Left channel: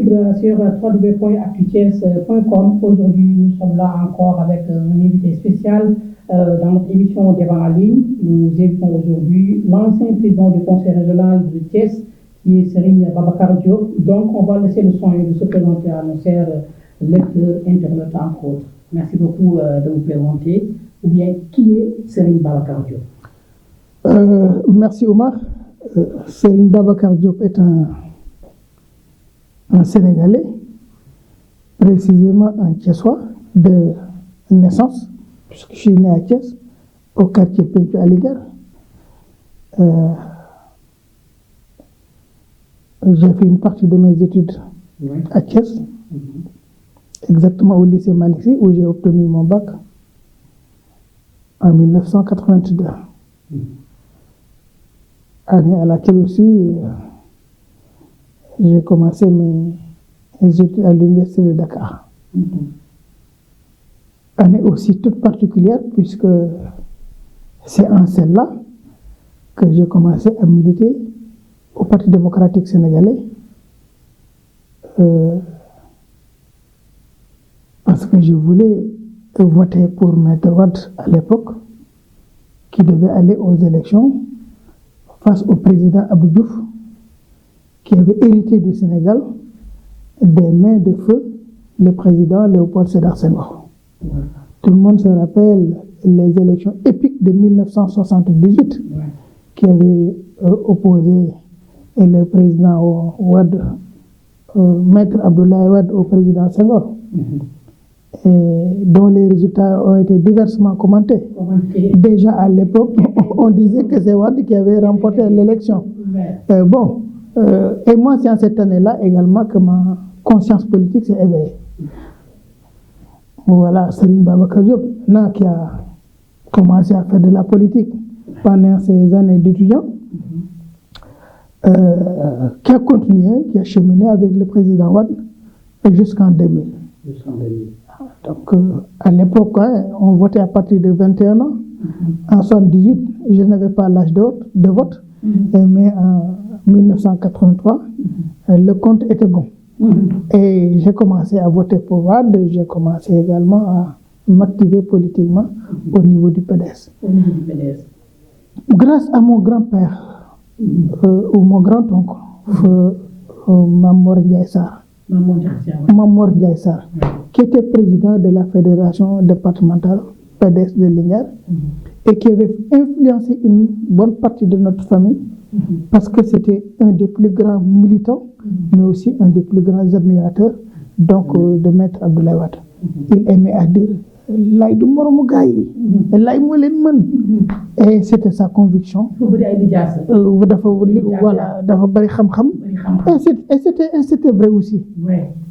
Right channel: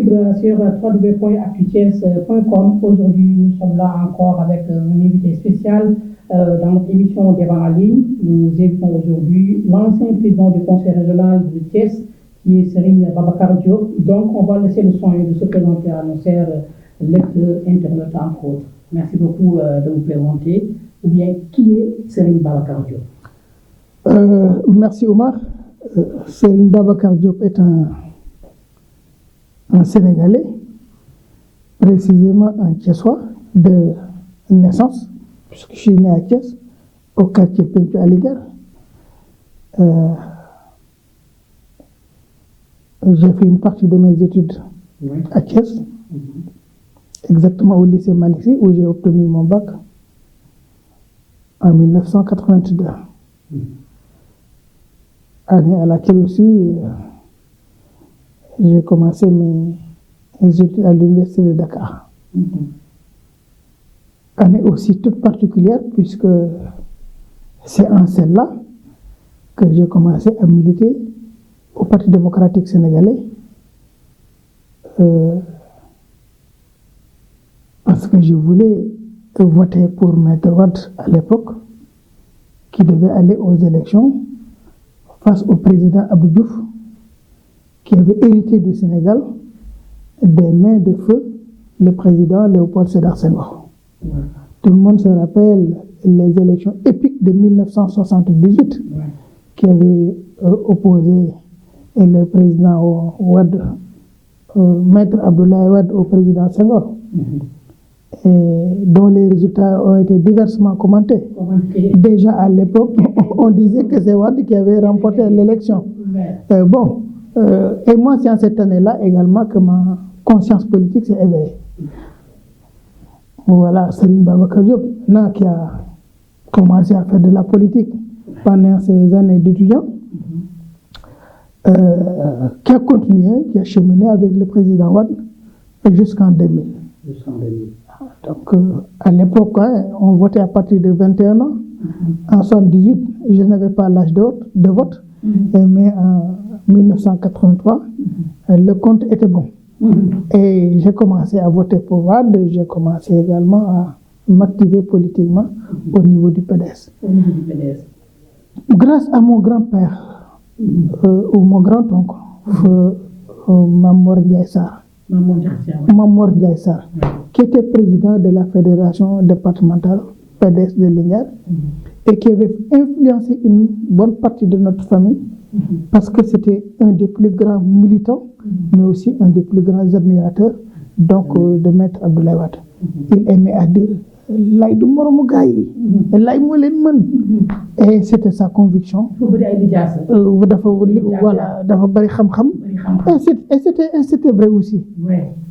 suivre sur www.actuties.com. Aujourd'hui, nous sommes là encore avec un invité spécial dans notre émission Débat en ligne. Nous invitons aujourd'hui l'ancien président du Conseil régional de Thiès, qui est Serigne Babacar Diop. Donc, on va laisser le soin de se présenter à nos chers lecteurs, internautes, entre autres. Merci beaucoup de vous présenter. Ou bien, qui est Serigne Babacar Diop? Merci Omar. Serigne Babacar Diop est un Sénégalais, précisément un Thiessois de naissance, puisque je suis né à Thiès, au quartier Pentu Aligar. J'ai fait une partie de mes études à Thiès, exactement au lycée Malissi, où j'ai obtenu mon bac en 1982. Année à laquelle aussi j'ai commencé mes études à l'université de Dakar. Année aussi toute particulière, puisque c'est en celle-là que j'ai commencé à militer au Parti démocratique sénégalais, parce que je voulais voter pour Maître Wade à l'époque, qui devait aller aux élections face au président Abdou Diouf, qui avait hérité du Sénégal des mains de feu le président Léopold Sédar Senghor. Tout le monde se rappelle les élections épiques de 1978 qui avaient opposé le président Wade, Maître Abdoulaye Wade au président Senghor, dont les résultats ont été diversement commentés. Déjà à l'époque, on disait que c'est Wade qui avait remporté l'élection. Et moi, c'est à cette année-là également que ma conscience politique s'est éveillée. Voilà, Serigne Babacar Diop, qui a commencé à faire de la politique pendant ses années d'étudiant, qui a continué, qui a cheminé avec le président Wade jusqu'en 2000. Donc, à l'époque, on votait à partir de 21 ans. En 78, je n'avais pas l'âge de vote, mais en 1983, le compte était bon. Et j'ai commencé à voter pour Wade, j'ai commencé également à m'activer politiquement au niveau du PDS. Grâce à mon grand-père, ou mon grand-oncle, Mamor Ndiaye Sarr, qui était président de la fédération départementale PDS de Linguère et qui avait influencé une bonne partie de notre famille, parce que c'était un des plus grands militants, mais aussi un des plus grands admirateurs de Maître Abdoulaye Wade. Il aimait à dire lay du moromu gars yi lay moo leen mën, et c'était sa conviction. Voilà, dafa bari xam-xam, et c'était vrai aussi.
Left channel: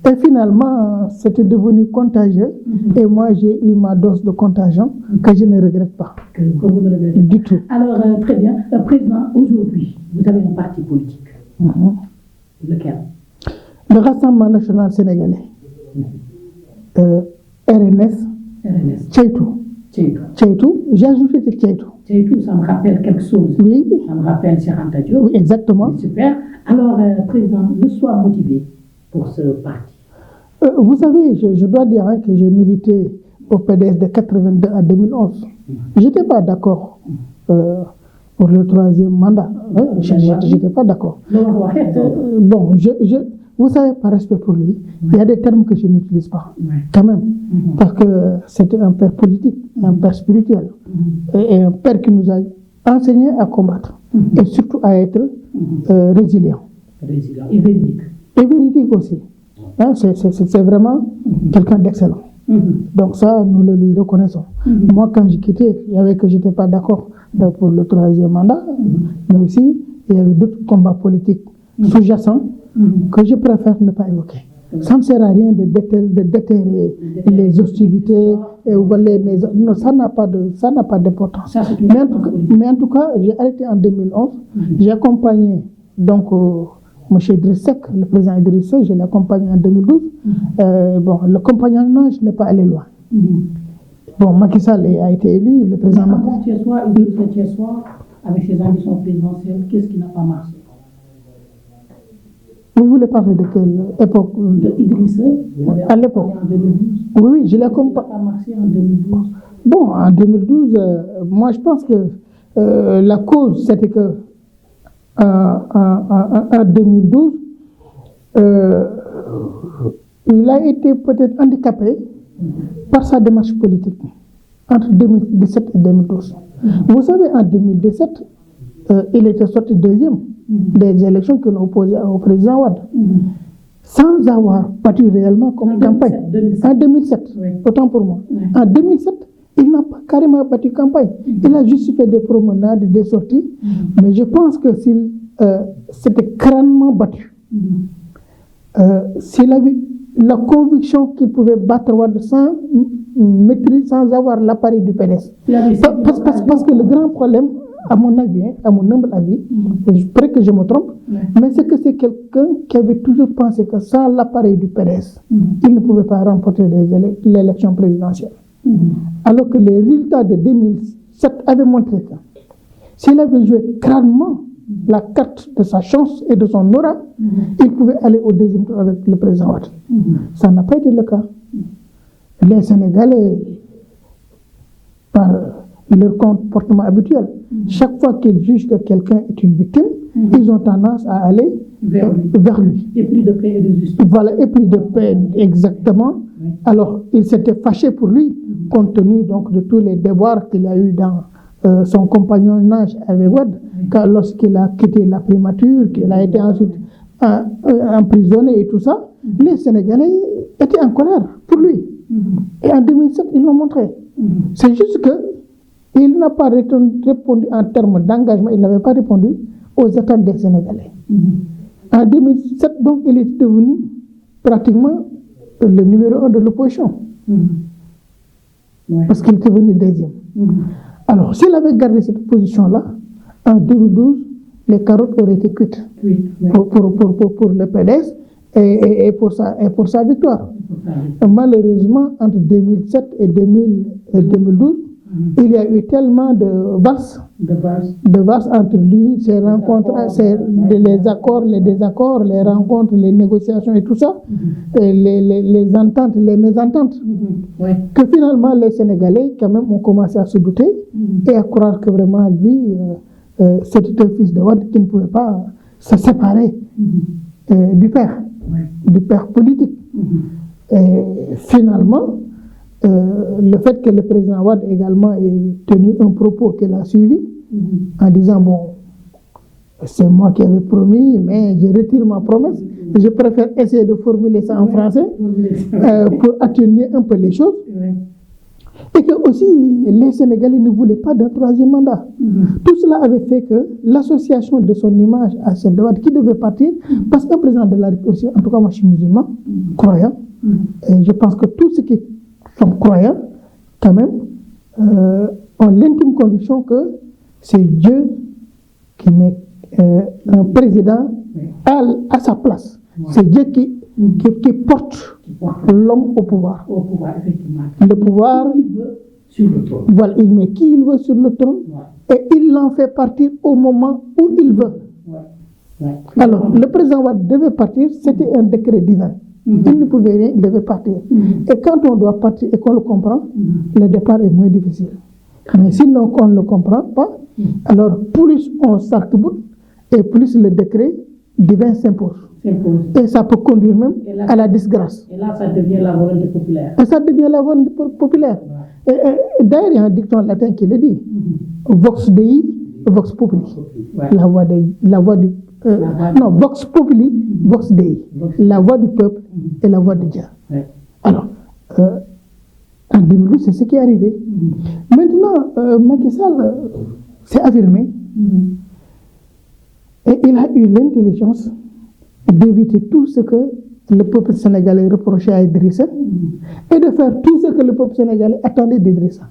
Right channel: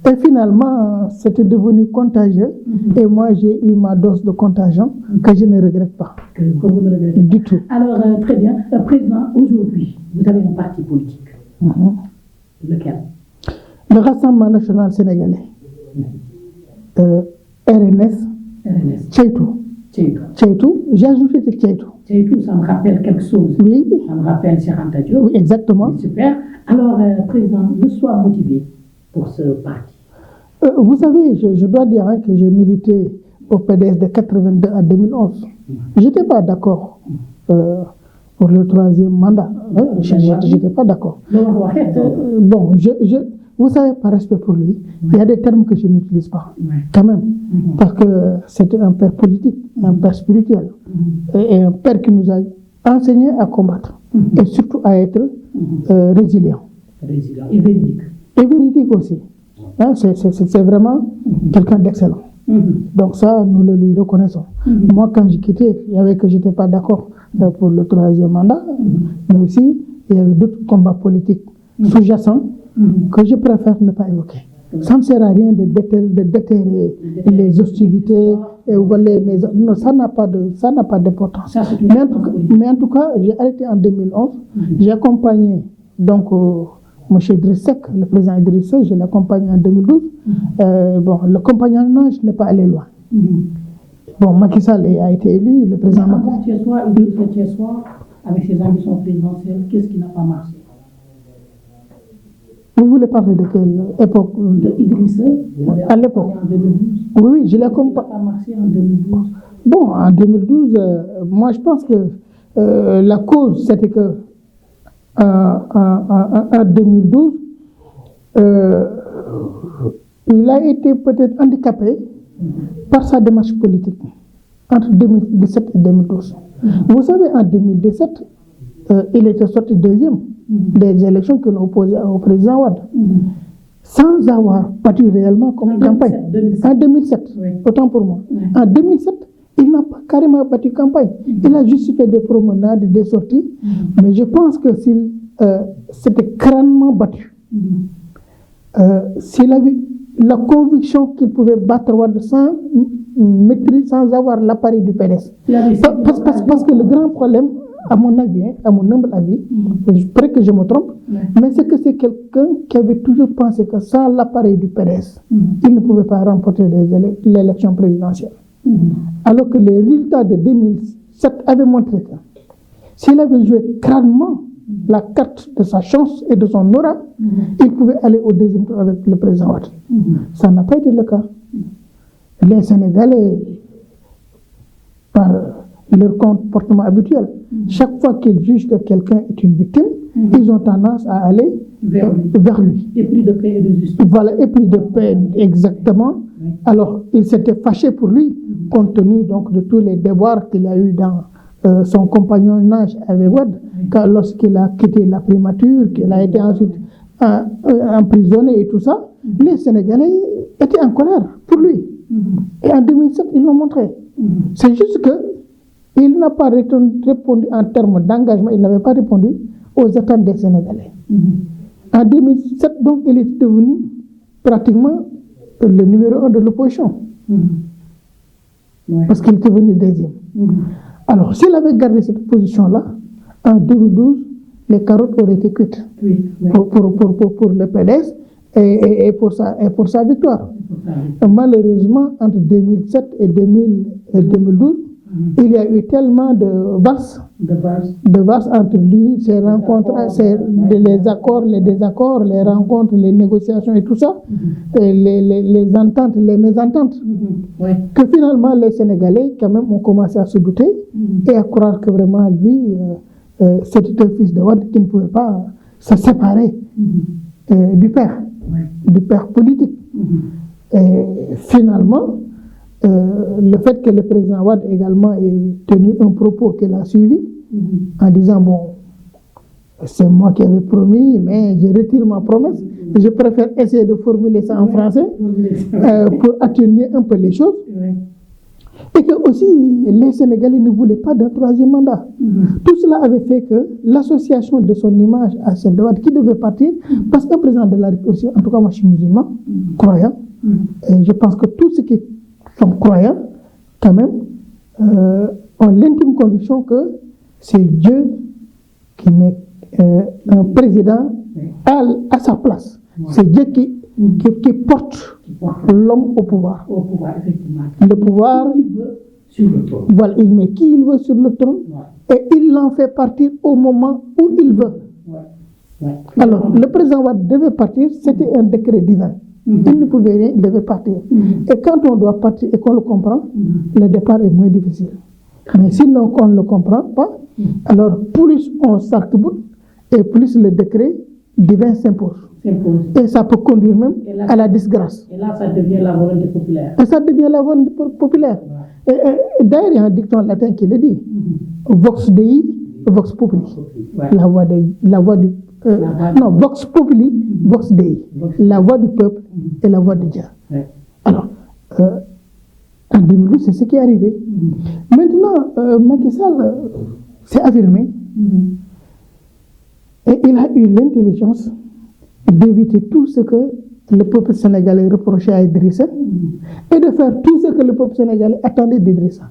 Et finalement, c'était devenu contagieux, et moi j'ai eu ma dose de contagion que je ne regrette pas. Du tout. Alors, très bien. Président, aujourd'hui, vous avez un parti politique. Lequel? Le Rassemblement national sénégalais. RNS. Tchaitou. J'ai ajouté Tchaitou. Tchaitou, ça me rappelle quelque chose. Oui. Ça me rappelle Cheikh Anta Diop. Oui, exactement. Super. Alors, président, le soir motivé pour ce parti. Vous savez, je dois dire que j'ai milité au PDS de 82 à 2011. Je n'étais pas d'accord pour le troisième mandat. Je n'étais pas d'accord. Bon, vous savez, par respect pour lui, il y a des termes que je n'utilise pas, quand même, parce que c'était un père politique, un père spirituel, et un père qui nous a enseigné à combattre, et surtout à être résilient. Et véridique. Et véridique aussi. C'est vraiment quelqu'un d'excellent. Donc ça, nous le lui reconnaissons. Moi, quand j'ai quitté, il y avait que je n'étais pas d'accord pour le troisième mandat, mais aussi, il y avait d'autres combats politiques sous-jacents que je préfère ne pas évoquer. Ça ne sert à rien de déterrer les hostilités, non, ça n'a pas d'importance. Mais en tout cas, j'ai arrêté en 2011, j'ai accompagné donc M. Idriss Seck, le président Idriss Seck, je l'ai accompagné en 2012. Le compagnonnage n'est pas allé loin. Bon, Macky Sall a été élu, le président Macky Sall. Avec ses ambitions présidentielles, qu'est-ce qui n'a pas marché? Vous voulez parler de quelle époque? Idrissa, À l'époque. En 2012. Oui, je l'ai compris. Ça a marché en 2012. Bon, en 2012, moi je pense que la cause, c'était que en 2012, il a été peut-être handicapé par sa démarche politique entre 2017 et 2012. Vous savez, en 2017, il était sorti deuxième des élections que nous opposions au président Wade, sans avoir battu réellement comme campagne. En 2007, autant pour moi. En 2007, il n'a pas carrément battu campagne. Il a juste fait des promenades, des sorties, mais je pense que c'était crânement battu. S'il avait la conviction qu'il pouvait battre Wade sans maîtrise, sans avoir l'appareil du PDS. Parce que le grand problème, à mon avis, à mon humble avis, je prie que je me trompe, mais c'est que c'est quelqu'un qui avait toujours pensé que sans l'appareil du PDS, il ne pouvait pas remporter l'élection présidentielle. Alors que les résultats de 2007 avaient montré que s'il avait joué crânement la carte de sa chance et de son aura, il pouvait aller au deuxième tour avec le président Wade. Ça n'a pas été le cas. Les Sénégalais, par leur comportement habituel, chaque fois qu'ils jugent que quelqu'un est une victime, ils ont tendance à aller vers lui. Et plus de paix et de justice. Voilà, et plus de paix, exactement. Alors, il s'était fâché pour lui, compte tenu donc de tous les déboires qu'il a eu dans son compagnonnage avec Wade, car lorsqu'il a quitté la primature, qu'il a été ensuite emprisonné et tout ça, les Sénégalais étaient en colère pour lui. Et en 2007, ils l'ont montré. C'est juste qu'il n'a pas répondu en termes d'engagement, il n'avait pas répondu aux attentes des Sénégalais. En 2007, donc, il est devenu pratiquement le numéro 1 de l'opposition. Parce qu'il était venu deuxième. Alors, s'il avait gardé cette position-là, en 2012, les carottes auraient été cuites pour le PDS et pour sa victoire. Malheureusement, entre 2007 et 2012, il y a eu tellement de vases entre lui, ses rencontres, les accords, les désaccords, les rencontres, les négociations et tout ça, et les ententes, les mésententes, que finalement les Sénégalais quand même ont commencé à se douter et à croire que vraiment lui, c'était un fils de Wade qui ne pouvait pas se séparer du père politique. Et finalement, le fait que le président Wade également ait tenu un propos qu'il a suivi en disant bon, c'est moi qui avais promis, mais je retire ma promesse. Je préfère essayer de formuler ça en français pour atténuer un peu les choses. Et que aussi les Sénégalais ne voulaient pas d'un troisième mandat. Tout cela avait fait que l'association de son image à celle de Wade qui devait partir, parce qu'un président de la République, en tout cas moi je suis musulman, croyant, et je pense que tous ceux qui sont croyants, quand même, ont l'intime conviction que c'est Dieu qui met un président à sa place. C'est Dieu qui porte l'homme au pouvoir. Le pouvoir, voilà, il met qui il veut sur le trône et il l'en fait partir au moment où il veut. Alors, le président Wade devait partir, c'était un décret divin. Il ne pouvait rien, il devait partir. Et quand on doit partir et qu'on le comprend, le départ est moins difficile. Mais sinon, on ne le comprend pas, alors plus on s'arc-boute et plus le décret divin s'impose. Et ça peut conduire même à la disgrâce. Et là, ça devient la volonté populaire. Et ça devient la volonté populaire. Et d'ailleurs, il y a un dicton latin qui le dit. Vox Dei, Vox Populi. La voix du... non, Vox Populi, Vox Dei. La voix du peuple et la voix de Dieu. Alors, en 2012, c'est ce qui est arrivé. Maintenant, Macky Sall s'est affirmé. Et il a eu l'intelligence d'éviter tout ce que le peuple sénégalais reprochait à Idrissa et de faire tout ce que le peuple sénégalais attendait d'Idrissa.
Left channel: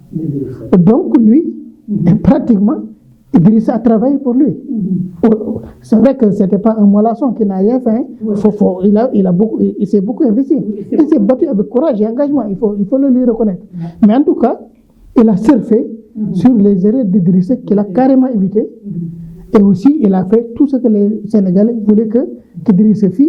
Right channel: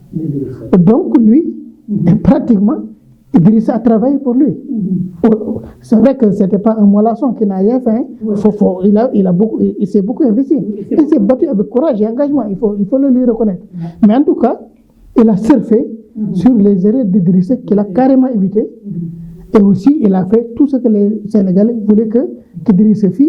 Donc lui, pratiquement, Idrissa a travaillé pour lui. C'est vrai que ce n'était pas un mollasson qui n'a rien fait. Il s'est beaucoup investi. Il s'est battu avec courage et engagement. Il faut le lui reconnaître. Mais en tout cas, il a surfé sur les erreurs d'Idrissa qu'il a carrément évité. Et aussi, il a fait tout ce que les Sénégalais voulaient Idriss Seck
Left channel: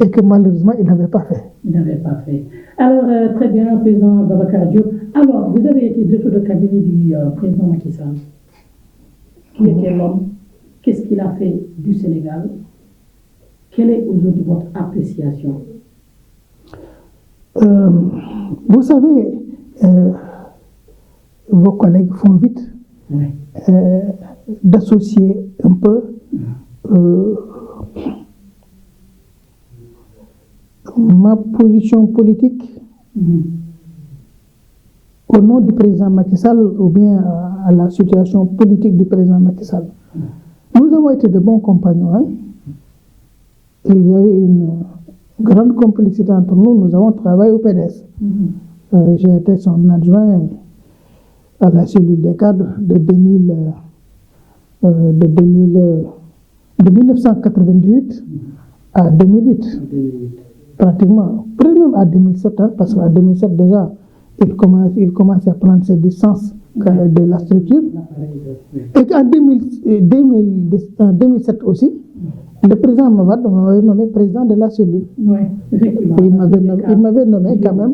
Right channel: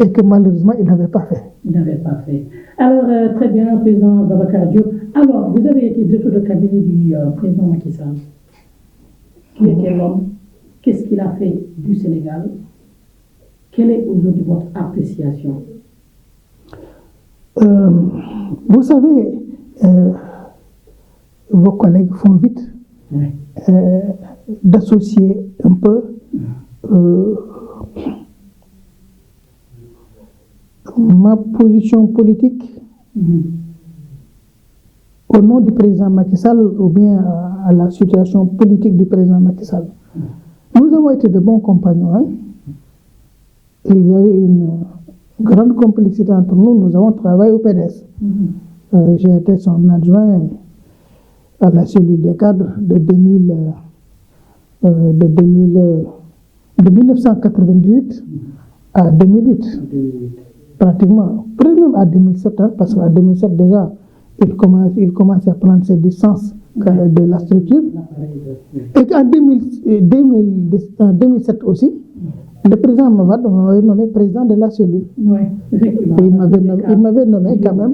et que malheureusement, il n'avait pas fait. Il n'avait pas fait. Alors, très bien, président Babacar Diop. Alors, vous avez été directeur de cabinet du président Macky Sall. Qui était l'homme? Qu'est-ce qu'il a fait du Sénégal? Quelle est aujourd'hui votre appréciation? Vous savez, vos collègues font vite d'associer un peu ma position politique au nom du président Macky Sall ou bien à la situation politique du président Macky Sall. Nous avons été de bons compagnons. Hein? Il y a eu une grande complicité entre nous. Nous avons travaillé au PDS. J'ai été son adjoint à la cellule des cadres de 1998 à 2008. Pratiquement, peut-être même à 2007, hein, parce qu'à 2007 déjà, il commence à prendre ses distances de la structure. Et qu'en 2007 aussi, le président Mavad m'avait nommé président de la cellule. Il m'avait nommé quand même,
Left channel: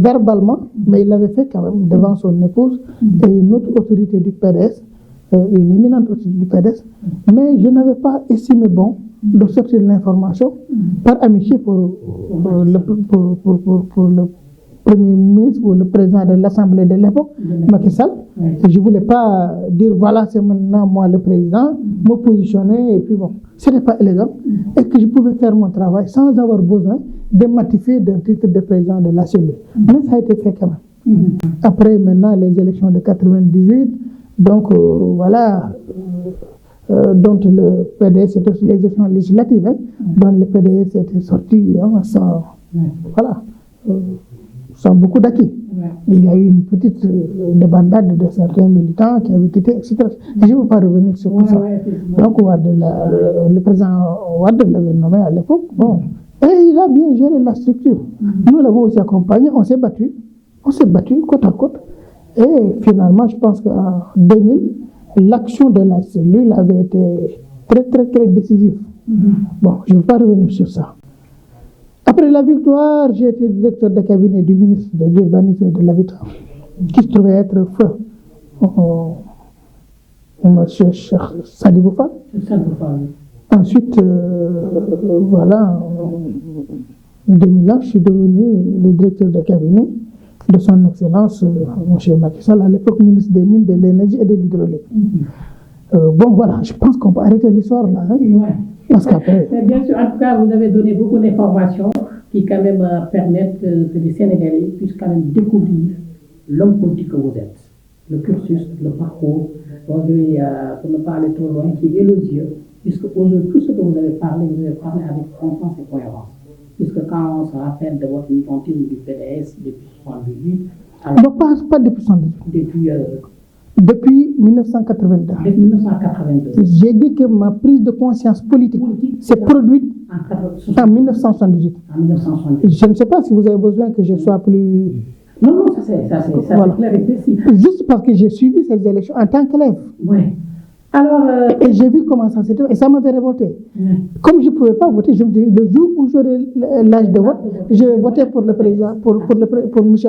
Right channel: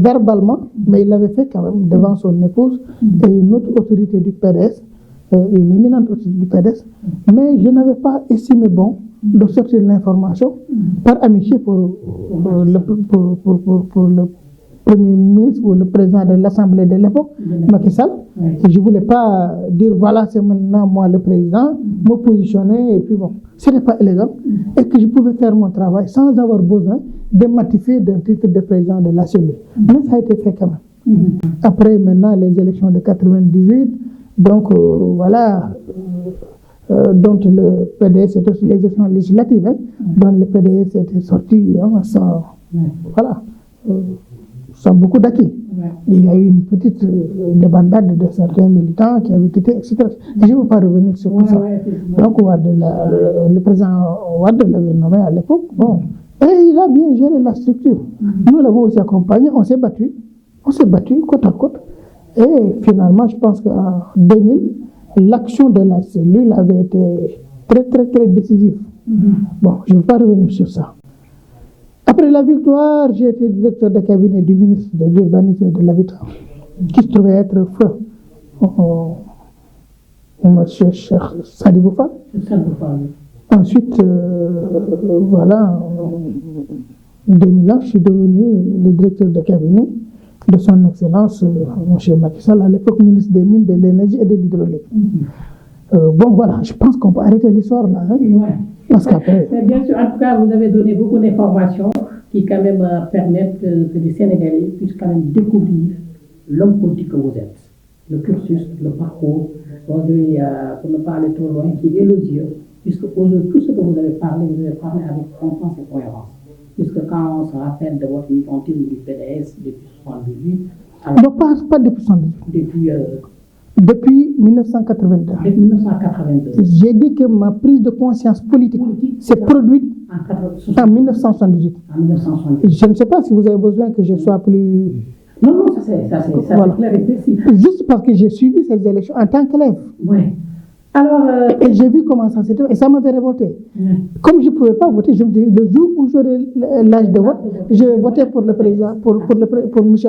verbalement, mais il l'avait fait quand même devant son épouse et une autre autorité du PDS, une éminente autorité du PDS. Mais je n'avais pas estimé bon de sortir l'information par amitié pour le Premier ministre ou le président de l'Assemblée de l'époque, Macky Sall. Et je ne voulais pas dire voilà, c'est maintenant moi le président, me positionner et puis bon. Ce n'est pas élégant. Et que je pouvais faire mon travail sans avoir besoin de m'attifer d'un titre de président de la cellule. Mais ça a été fait quand même. Après maintenant les élections de 98, donc voilà, dont le PDS, les élections législatives, hein, dont le PDS était sorti sans, voilà, sans beaucoup d'acquis. Il y a eu une petite débandade de certains militants qui avaient quitté, etc. Je ne vais pas revenir sur tout ça. Donc, le président Ouad l'avait nommé à l'époque. Bon. Et il a bien géré la structure. Nous l'avons aussi accompagné, on s'est battu côte à côte. Et finalement, je pense qu'en 2000, l'action de la cellule avait été très, très, très décisive. Bon, je ne vais pas revenir sur ça. Après la victoire, j'ai été directeur de cabinet du ministre de l'Urbanisme et de l'Habitat, qui se trouvait être feu. Monsieur Cheikh Sadibou Fall. Ensuite, voilà, en 2001, je suis devenu le directeur de cabinet de son Excellence, M. Macky Sall, à l'époque ministre des Mines, de l'Énergie et de l'Hydraulique. Bon, voilà, je pense qu'on peut arrêter l'histoire là. Hein, parce qu'après. Bien sûr, en tout cas, vous avez donné beaucoup d'informations qui, quand même, permettent que les Sénégalais puissent quand même découvrir l'homme politique que vous êtes, le cursus, le parcours, aujourd'hui, pour ne pas aller trop loin, qui est élogieux, puisque aujourd'hui, tout ce que vous avez parlé avec confiance et cohérence. Puisque quand on se rappelle de votre militantine du PDS depuis 1978, non, pas depuis 1978. Depuis 1982. J'ai dit que ma prise de conscience politique s'est produite en 1978. Je ne sais pas si vous avez besoin que je sois plus... Non, ça c'est clair et précis. Juste parce que j'ai suivi ces élections en tant qu'élève. Oui. Alors, j'ai vu comment ça s'est fait et ça m'avait révolté. Comme je ne pouvais pas voter, je me dis, le jour où j'aurai l'âge de vote, je vais voter pour le président, pour M.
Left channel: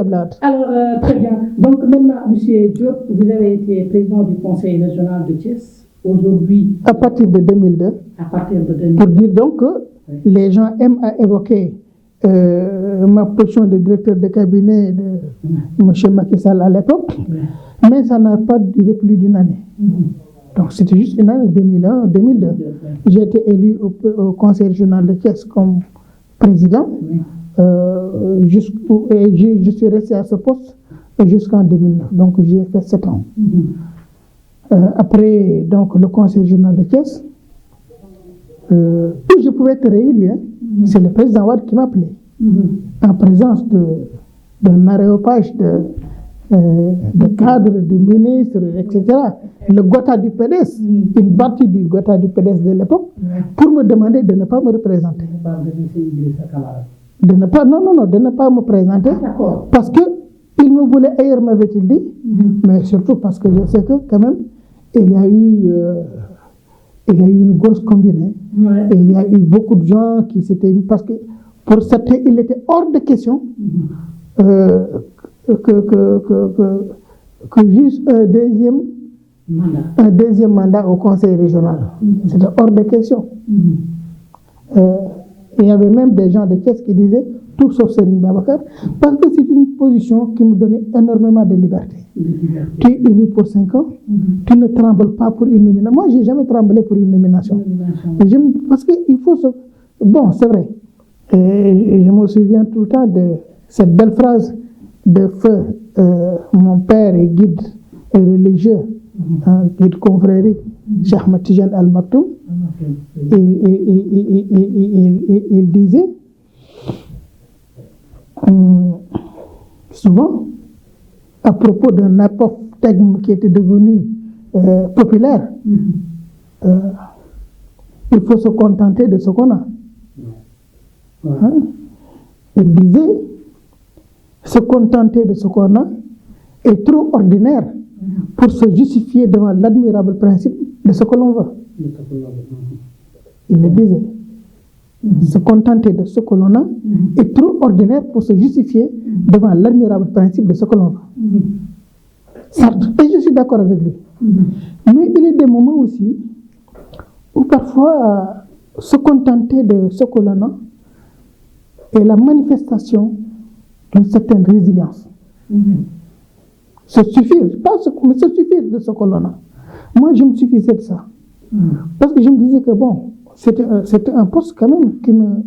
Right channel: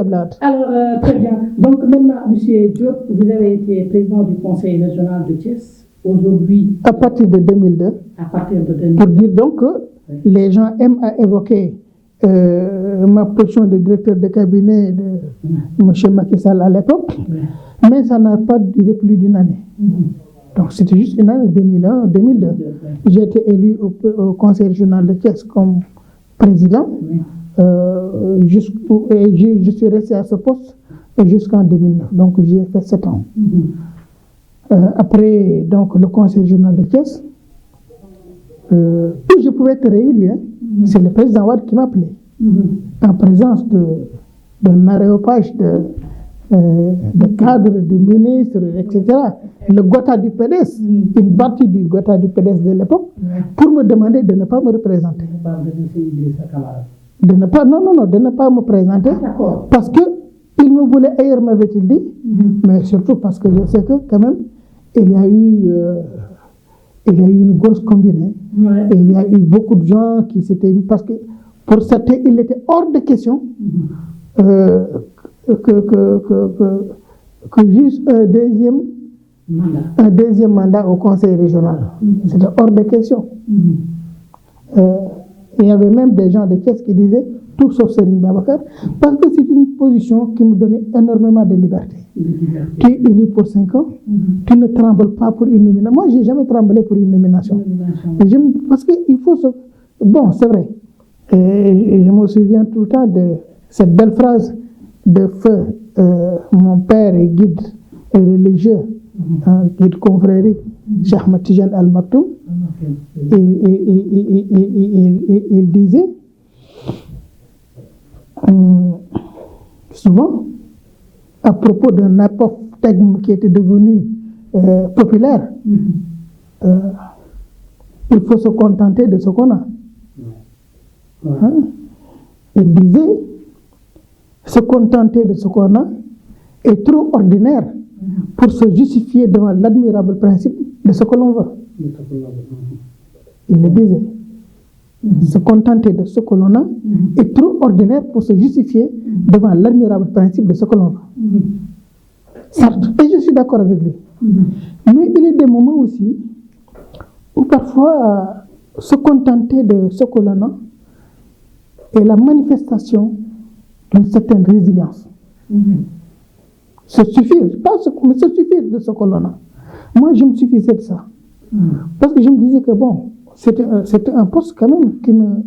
Blad. Alors, très bien. Donc maintenant, M. Diop, vous avez été président du Conseil régional de Thiès. Aujourd'hui. À partir de 2002. À partir de 2002. Pour dire donc que les gens aiment à évoquer ma position de directeur de cabinet de M. Macky Sall à l'époque, mais ça n'a pas duré plus d'une année. Donc c'était juste une année, 2001-2002. J'ai été élu au Conseil régional de Thiès comme président. Je suis resté à ce poste jusqu'en 2009. Donc j'ai fait 7 ans. Après donc, le Conseil régional de Thiès, où je pouvais être réélu, hein, c'est le président Ouad qui m'appelait. En présence d'un aréopage de cadres, de ministres, etc. Le Gotha du PDS, une partie du Gotha du PDS de l'époque, pour me demander de ne pas me représenter. De ne pas me présenter, parce qu'il me voulait ailleurs, m'avait-il dit, mais surtout parce que je sais que quand même, il y a eu il y a eu une grosse combine. Et il y a eu beaucoup de gens qui s'étaient mis, parce que pour certains, il était hors de question que juste un deuxième mandat au conseil régional. C'était hors de question. Il y avait même des gens de Thiès qui disaient tout sauf Serigne Babacar, parce que c'est une position qui nous donnait énormément de liberté. Tu es élu pour 5 ans, tu ne trembles pas pour une nomination. Moi, je n'ai jamais tremblé pour une nomination. Parce qu'il faut se... Bon, c'est vrai. Et je me souviens tout le temps de cette belle phrase de feu. Mon père est guide religieux, guide confrérie, Cheikh Ahmed Tidiane Al Maktoum. Il disait souvent, à propos d'un apophthegme qui était devenu populaire, il faut se contenter de ce qu'on a. Il disait, se contenter de ce qu'on a est trop ordinaire pour se justifier devant l'admirable principe de ce que l'on veut. Il le disait. Se contenter de ce que l'on a est trop ordinaire pour se justifier devant l'admirable principe de ce que l'on veut. Certes, et je suis d'accord avec lui. Mais il y a des moments aussi où parfois se contenter de ce que l'on a est la manifestation d'une certaine résilience. Se suffire, pas ce, mais se suffire de ce que l'on a. Moi, je me suffisais de ça. Parce que je me disais que bon, c'était un poste quand même qui me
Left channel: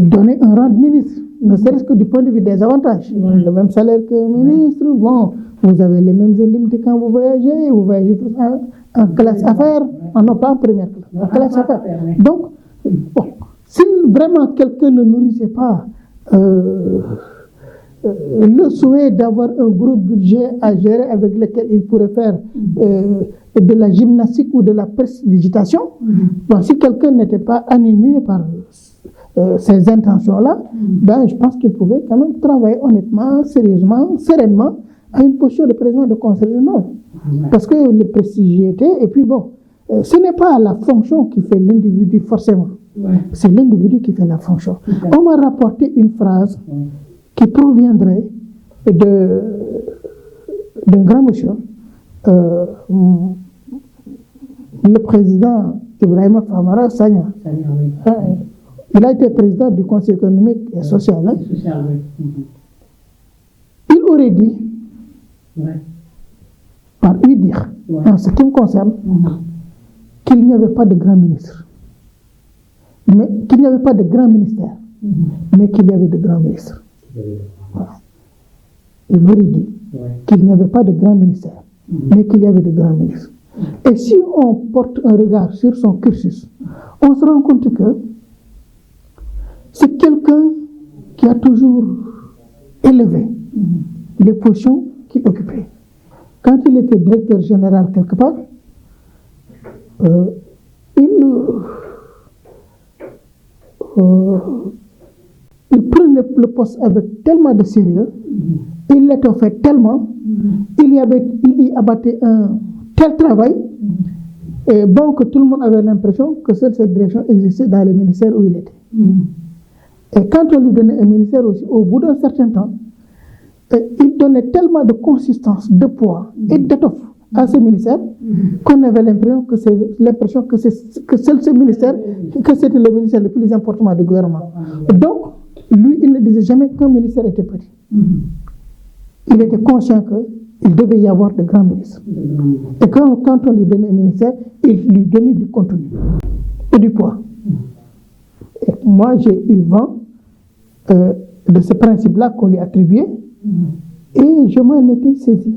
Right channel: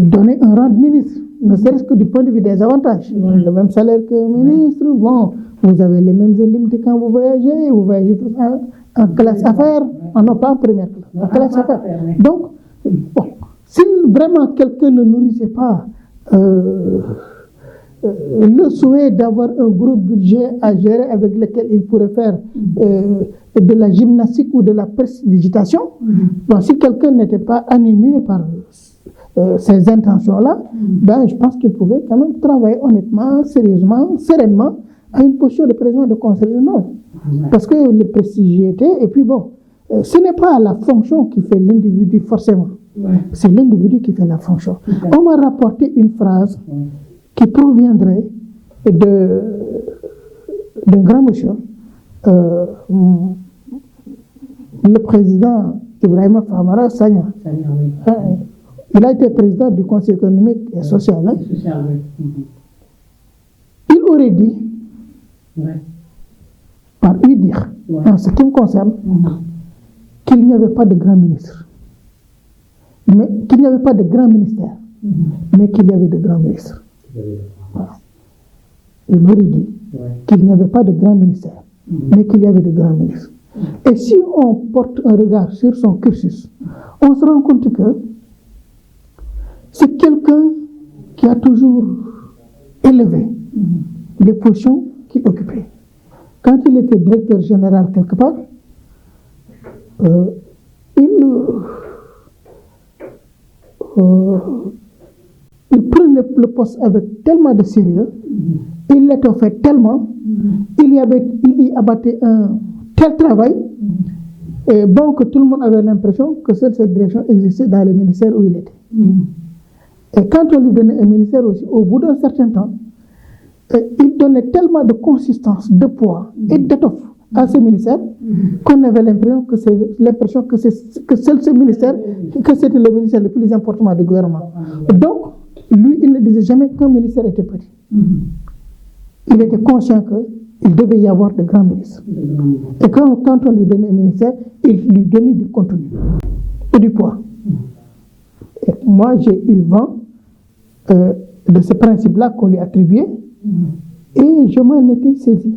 donnait un rang de ministre, ne serait-ce que du point de vue des avantages. Le même salaire que ministre, bon, vous avez les mêmes indemnités quand vous voyagez tout ça en classe affaires, en pas en première classe, en classe affaires. Donc, bon, si vraiment quelqu'un ne nourrissait pas le souhait d'avoir un gros budget à gérer avec lequel il pourrait faire de la gymnastique ou de la prestidigitation, bon, si quelqu'un n'était pas animé par ces intentions-là, ben, je pense qu'il pouvait quand même travailler honnêtement, sérieusement, sereinement à une posture de président de conseil régional. Parce que le prestigiété, et puis bon, ce n'est pas la fonction qui fait l'individu forcément, c'est l'individu qui fait la fonction. On m'a rapporté une phrase qui proviendrait d'un grand monsieur, le président Ibrahima Famara Sagna. Il a été président du Conseil économique et social. Il aurait dit, par lui dire, en ce qui me concerne, qu'il n'y avait pas de grand ministre, mais qu'il n'y avait pas de grand ministère, mais qu'il y avait de grands ministres. Voilà. Il aurait dit qu'il n'y avait pas de grand ministère, mais qu'il y avait de grands ministres. Et si on porte un regard sur son cursus, on se rend compte que c'est quelqu'un qui a toujours élevé les positions qu'il occupait. Quand il était directeur général quelque part, il prenait le poste avec tellement de sérieux, il l'étoffait tellement, il y abattait un tel travail, et bon que tout le monde avait l'impression que seule cette direction existait dans le ministère où il était. Et quand on lui donnait un ministère aussi, au bout d'un certain temps, il donnait tellement de consistance, de poids et d'étoffe à ce ministère qu'on avait l'impression que seul ce ministère, que c'était le ministère le plus important du gouvernement. Donc, lui, il ne disait jamais qu'un ministère était petit. Il était conscient qu'il devait y avoir de grands ministres. Et quand on lui donnait un ministère, il lui donnait du contenu et du poids. Et moi, j'ai eu vent de ce principe-là qu'on lui attribuait et je m'en étais saisi.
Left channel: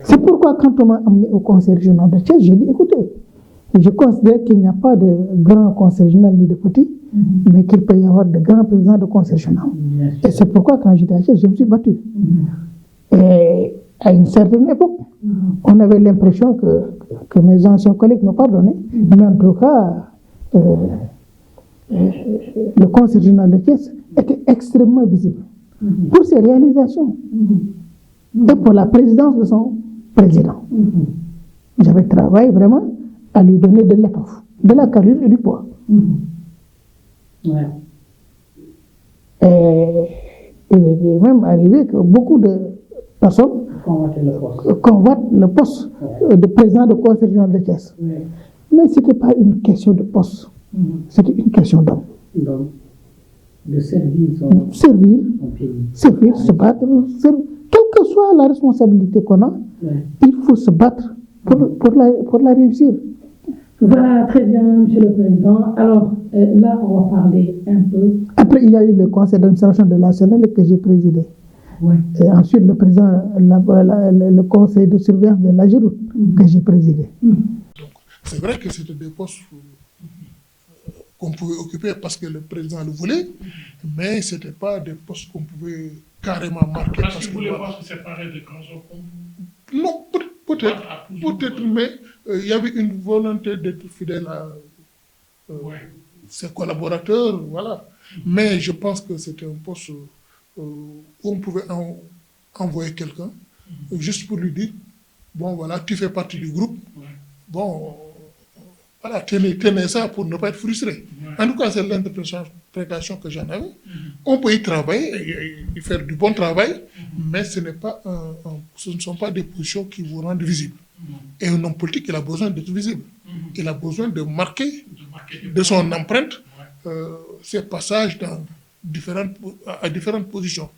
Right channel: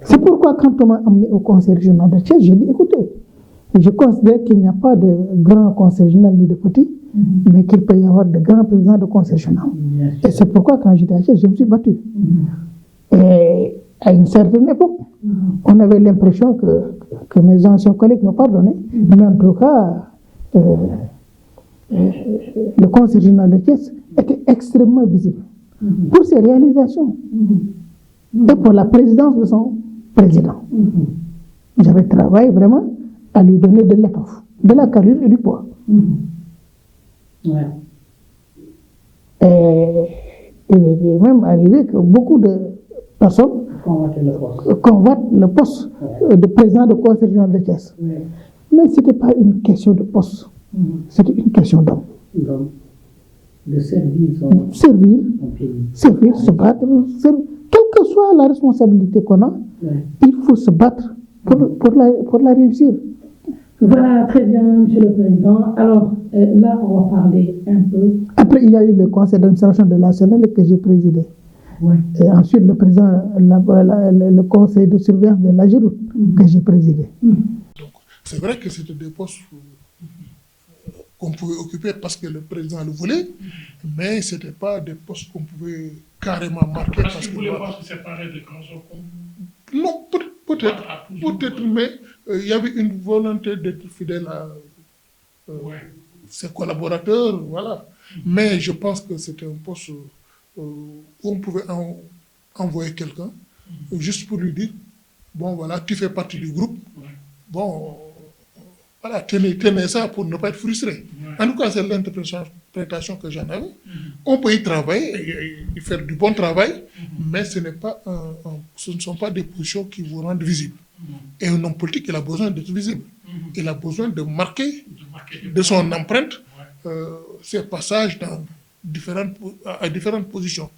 C'est pourquoi quand on m'a amené au conseil régional de Thiès, j'ai dit, écoutez, je considère qu'il n'y a pas de grand conseil régional ni de petit, mais qu'il peut y avoir de grands présidents de conseil régional. Et c'est pourquoi quand j'étais à Thiès, je me suis battu. Et à une certaine époque, on avait l'impression que mes anciens collègues me pardonnaient, mais en tout cas, le conseil régional de Thiès était extrêmement visible pour ses réalisations et pour la présidence de son président. J'avais travaillé vraiment à lui donner de l'étoffe, de la carrure et du poids. Ouais. Et il est même arrivé que beaucoup de personnes convoitent le poste de président de conseil régional de Thiès. Ouais. Mais ce n'était pas une question de poste, c'était une question d'homme. Donc, de servir son Servir, pays. servir, se battre. Quelle que soit la responsabilité qu'on a, Ouais. il faut se battre pour la réussir. Voilà, très bien, Monsieur le Président. Alors, là, on va parler un peu. Après, il y a eu le conseil d'administration de la Sénélec que j'ai présidé. Ouais. Et ensuite, le président, le conseil de surveillance de la Géroute que j'ai présidé. C'est vrai que c'était des postes qu'on pouvait occuper parce que le président le voulait, mais ce n'était pas des postes qu'on pouvait carrément marquer. Parce que vous voulez pas se séparer des grands hommes? Non, peut-être, mais il y avait une volonté d'être fidèle à ses collaborateurs, voilà. Mais je pense que c'était un poste où on pouvait envoyer quelqu'un, juste pour lui dire, bon voilà, tu fais partie du groupe, bon, voilà, tenez ça pour ne pas être frustré. En tout cas, c'est l'interprétation que j'en ai. On peut y travailler et faire du bon travail, mais ce ne sont pas des positions qui vous rendent visible. Et un homme politique, il a besoin d'être visible. Il a besoin de marquer de son empreinte ses passages à différentes positions.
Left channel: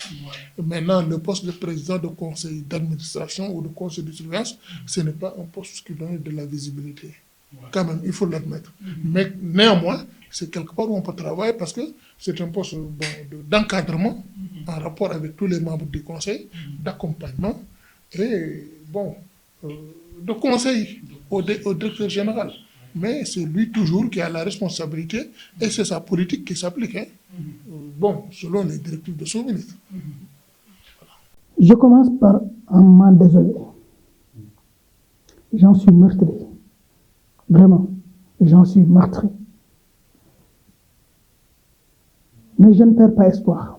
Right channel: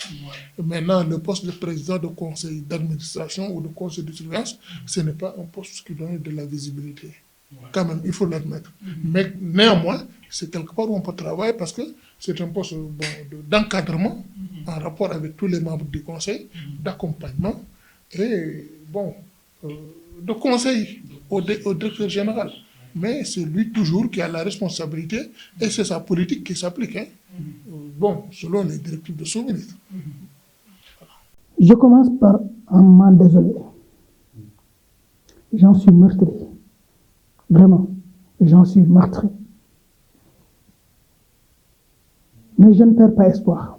Maintenant, le poste de président de conseil d'administration ou de conseil de surveillance, ce n'est pas un poste qui donne de la visibilité. Quand même, il faut l'admettre. Mais néanmoins, c'est quelque part où on peut travailler parce que c'est un poste d'encadrement en rapport avec tous les membres du conseil, d'accompagnement et de conseil au directeur général. Mais c'est lui toujours qui a la responsabilité et c'est sa politique qui s'applique. Selon les directives de son ministre. Je commence par un mal désolé. J'en suis meurtri. Vraiment, j'en suis meurtri. Mais je ne perds pas espoir.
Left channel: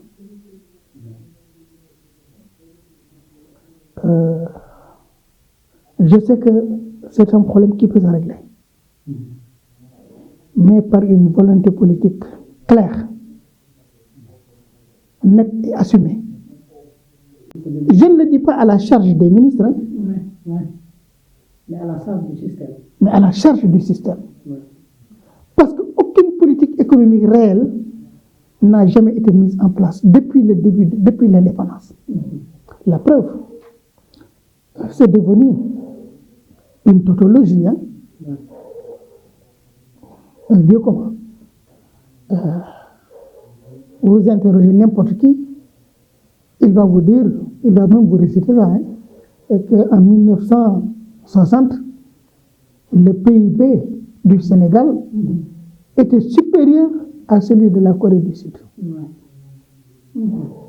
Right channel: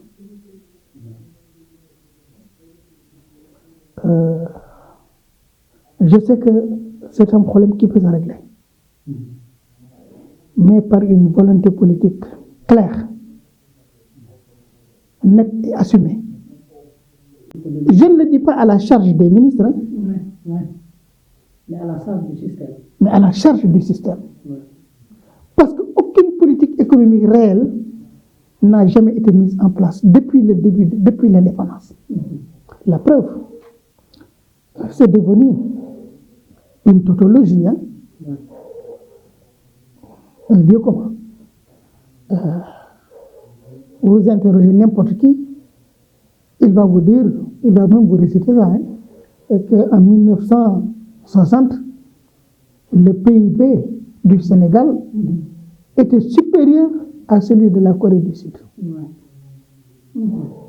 Je sais que c'est un problème qui peut se régler. Mais par une volonté politique claire, nette et assumée. Je ne le dis pas à la charge des ministres, mais à la charge du système. mais à la charge du système. Parce qu'aucune politique économique réelle n'a jamais été mise en place depuis le début, depuis l'indépendance. La preuve, c'est devenu une tautologie, un lieu commun. Vous interrogez n'importe qui, il va vous dire, il va même vous réciter ça, qu'en 1960, le PIB du Sénégal était supérieur à celui de la Corée du Sud.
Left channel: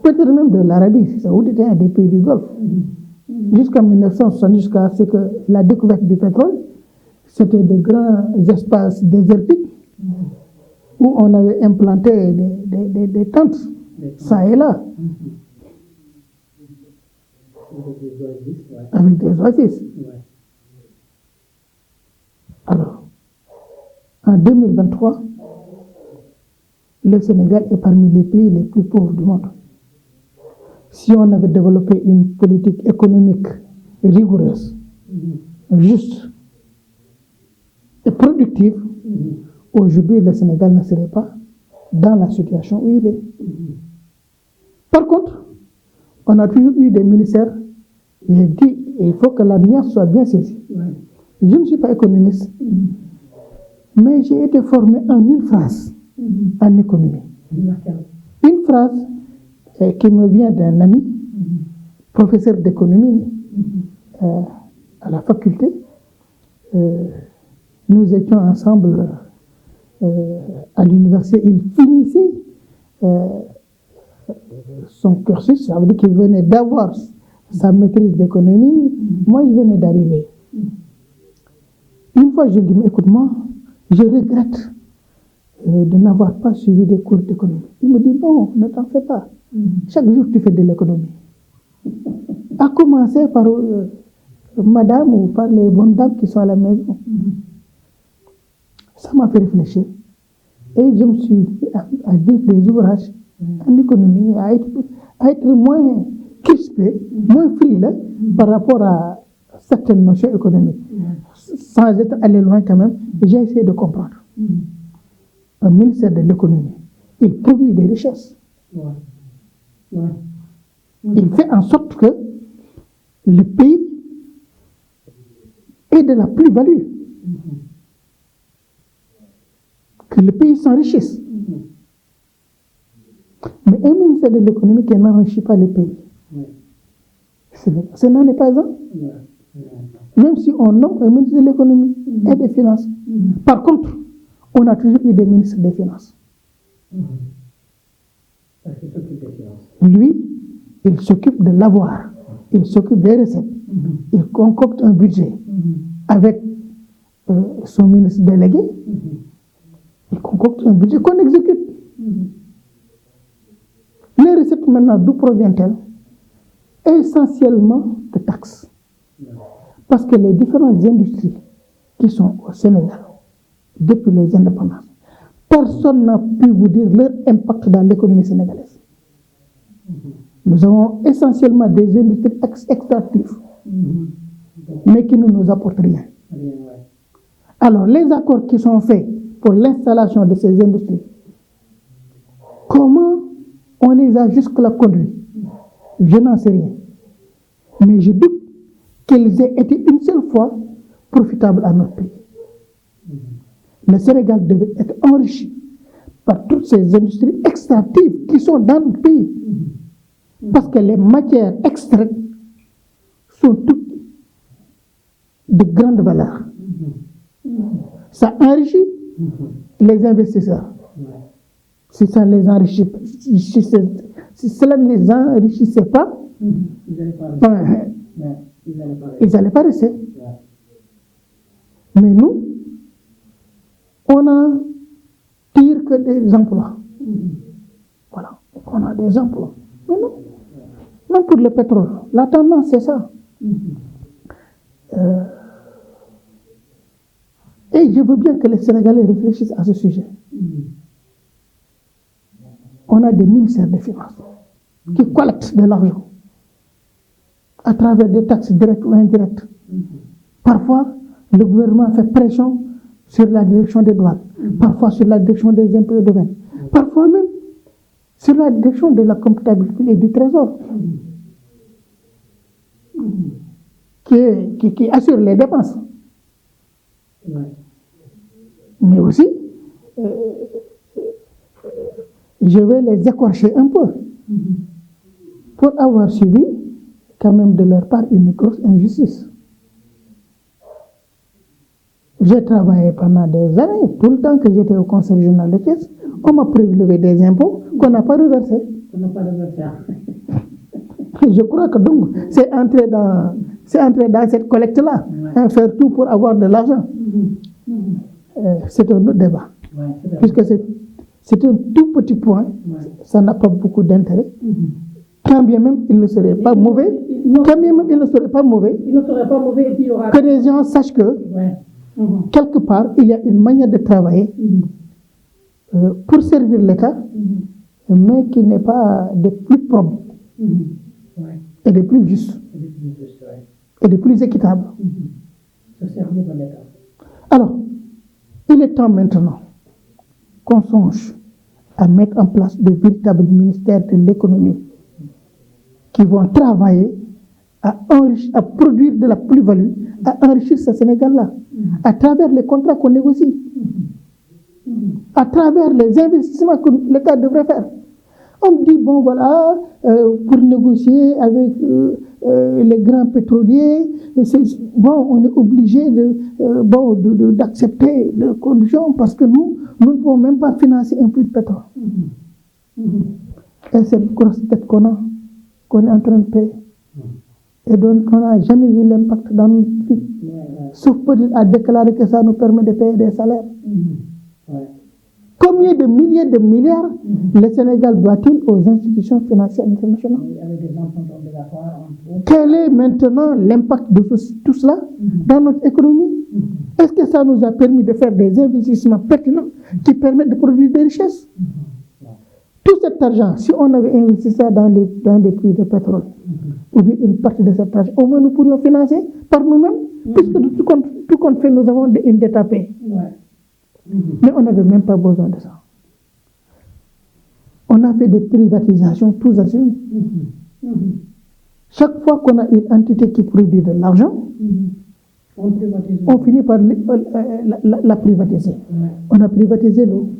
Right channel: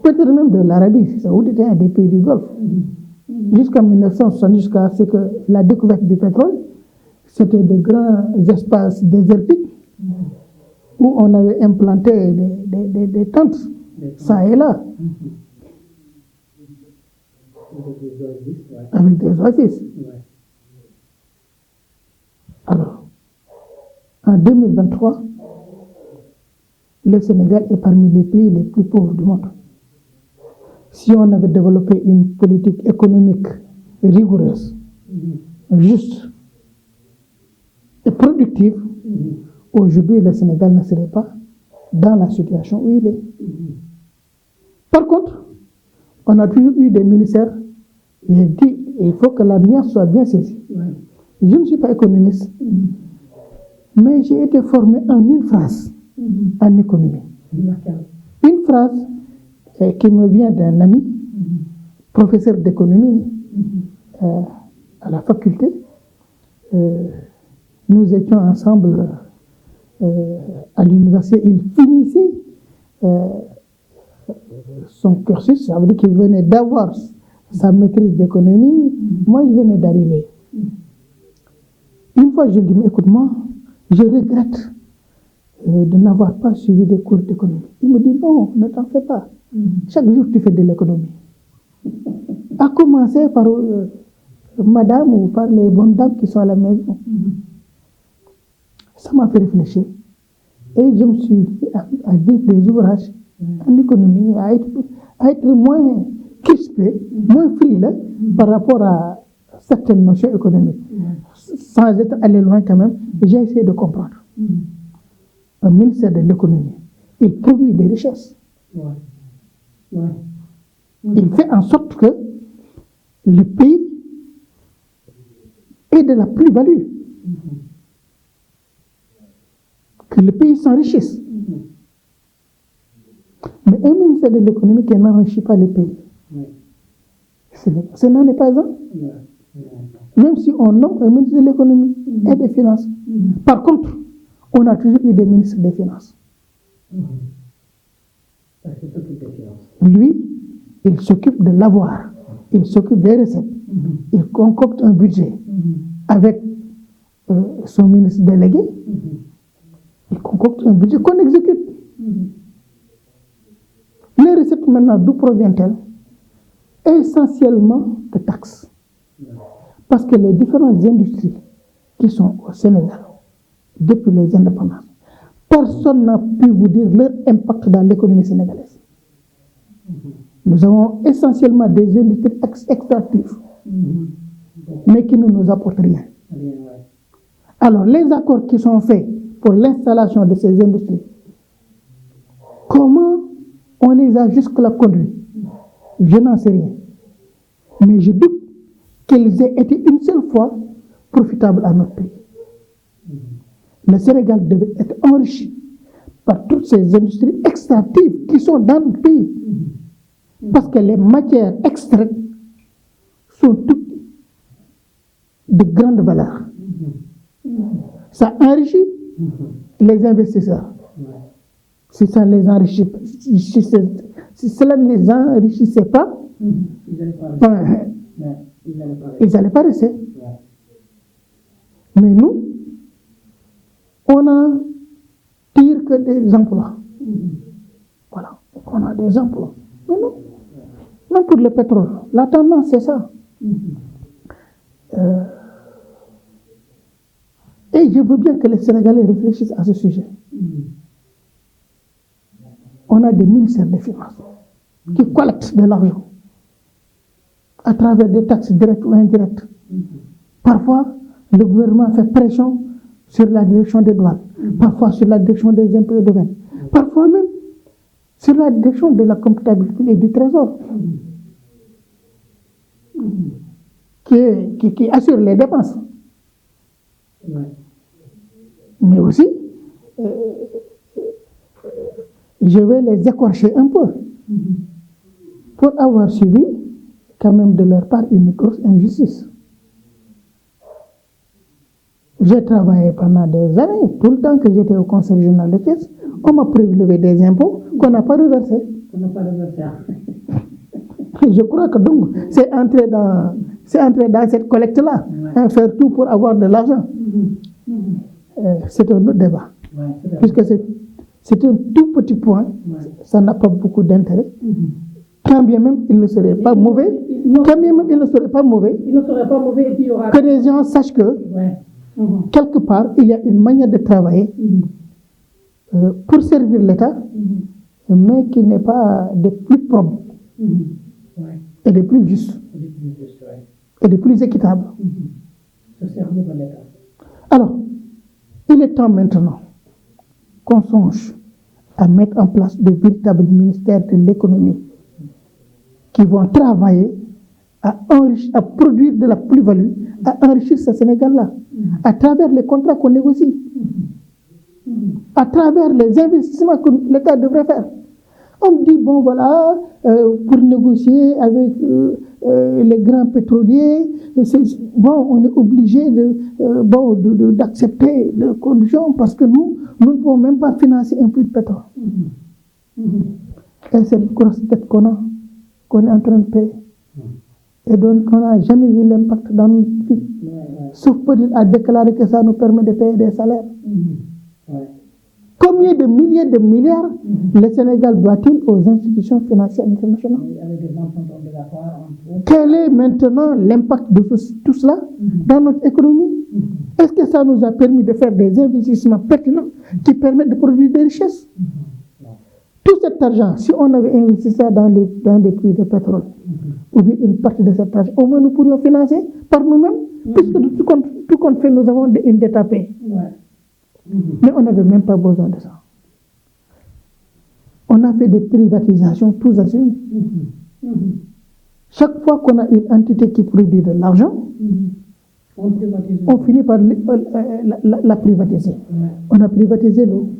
Peut-être même de l'Arabie Saoudite, des pays du Golfe. Jusqu'en 1960, jusqu'à ce que la découverte du pétrole, c'était de grands espaces désertiques où on avait implanté des tentes, ça et là. Avec des oasis. Alors, en 2023, le Sénégal est parmi les pays les plus pauvres du monde. Si on avait développé une politique économique rigoureuse, juste et productive, aujourd'hui le Sénégal ne serait pas dans la situation où il est. Par contre, on a toujours eu des ministères, j'ai dit, il faut que la nuance soit bien saisie. Je ne suis pas économiste, mais j'ai été formé en une phrase en économie. Une phrase qui me vient d'un ami, professeur d'économie à la faculté. Nous étions ensemble à l'université. Il finissait son cursus, ça veut dire qu'il venait d'avoir sa maîtrise d'économie. Moi, je venais d'arriver. Une fois, je lui dis, écoute-moi, je regrette de n'avoir pas suivi des cours d'économie. Il me dit, non, ne t'en fais pas. Chaque jour, tu fais de l'économie. À commencer par madame ou par les bonnes dames qui sont à la maison. Ça m'a fait réfléchir. Et je me suis dit à lire des ouvrages en économie, à être moins crispé, moins frileux par rapport à certaines notions économiques. Sans être allé loin quand même, j'ai essayé de comprendre. Le ministère de l'économie, il produit des richesses. Il fait en sorte que le pays ait de la plus-value. Que le pays s'enrichisse. Mais un ministère de l'économie qui n'enrichit pas le pays, ce n'en est pas un. Même si on nomme un ministre de l'économie et des finances. Par contre, on a toujours eu des ministres des finances. Lui, il s'occupe de l'avoir, il s'occupe des recettes, il concocte un budget avec son ministre délégué, il concocte un budget qu'on exécute. Les recettes maintenant, d'où proviennent-elles? Essentiellement de taxes. Parce que les différentes industries qui sont au Sénégal, depuis les indépendances, personne n'a pu vous dire leur impact dans l'économie sénégalaise. Nous avons essentiellement des industries extractives, mais qui ne nous apportent rien. Alors, les accords qui sont faits pour l'installation de ces industries, comment on les a jusque-là conduits? Je n'en sais rien. Mais je doute qu'ils aient été une seule fois profitables à notre pays. Le Sénégal devait être enrichi par toutes ces industries extractives qui sont dans notre pays. Parce que les matières extraites sont toutes de grande valeur. Ça enrichit les investisseurs. Si ça les enrichit, si cela ne les enrichissait pas, ils n'allaient pas rester. Mais nous, on a tire que des emplois. Voilà, on a des emplois. Mais non, non pour le pétrole. La tendance, c'est ça. Et je veux bien que les Sénégalais réfléchissent à ce sujet. On a des ministères des Finances qui collectent de l'argent à travers des taxes directes ou indirectes. Parfois, le gouvernement fait pression sur la direction des douanes, parfois sur la direction des impôts et domaines, parfois même sur la direction de la comptabilité et du trésor, qui assure les dépenses. Mais aussi, je vais les écorcher un peu pour avoir subi quand même de leur part une grosse injustice. J'ai travaillé pendant des années, tout le temps que j'étais au conseil régional de Thiès, on m'a prélevé des impôts qu'on n'a pas reversés. Je crois que donc, c'est entrer dans cette collecte-là, faire tout pour avoir de l'argent. C'est un autre débat. Puisque c'est un tout petit point, ça n'a pas beaucoup d'intérêt. Quand bien même il ne serait pas mauvais, que les gens sachent que quelque part, il y a une manière de travailler pour servir l'État, mais qui n'est pas des plus propres et des plus justes et des plus équitables. Alors, il est temps maintenant qu'on songe à mettre en place de véritables ministères de l'économie qui vont travailler à produire de la plus-value, à enrichir ce Sénégal-là, à travers les contrats qu'on négocie, à travers les investissements que l'État devrait faire. On dit, bon voilà, pour négocier avec les grands pétroliers, on est obligé d'accepter leurs conditions parce que nous ne pouvons même pas financer un puits de pétrole. Et c'est une grosse tête qu'on est en train de payer. Et donc, on n'a jamais vu l'impact dans notre vie. Sauf peut-être à déclarer que ça nous permet de payer des salaires. Combien de milliers de milliards le Sénégal doit-il aux institutions financières internationales? Quel est maintenant l'impact de tout cela dans notre économie? Est-ce que ça nous a permis de faire des investissements pertinents qui permettent de produire des richesses? Tout cet argent, si on avait investi ça dans des prix de pétrole, ou bien une partie de cet argent, au moins nous pourrions financer par nous-mêmes, puisque tout compte fait, nous avons une dette à payer. Mais on n'avait même pas besoin de ça. On a fait des privatisations tous azimuts. Chaque fois qu'on a une entité qui produit de l'argent, on finit par la privatiser. On a privatisé l'eau.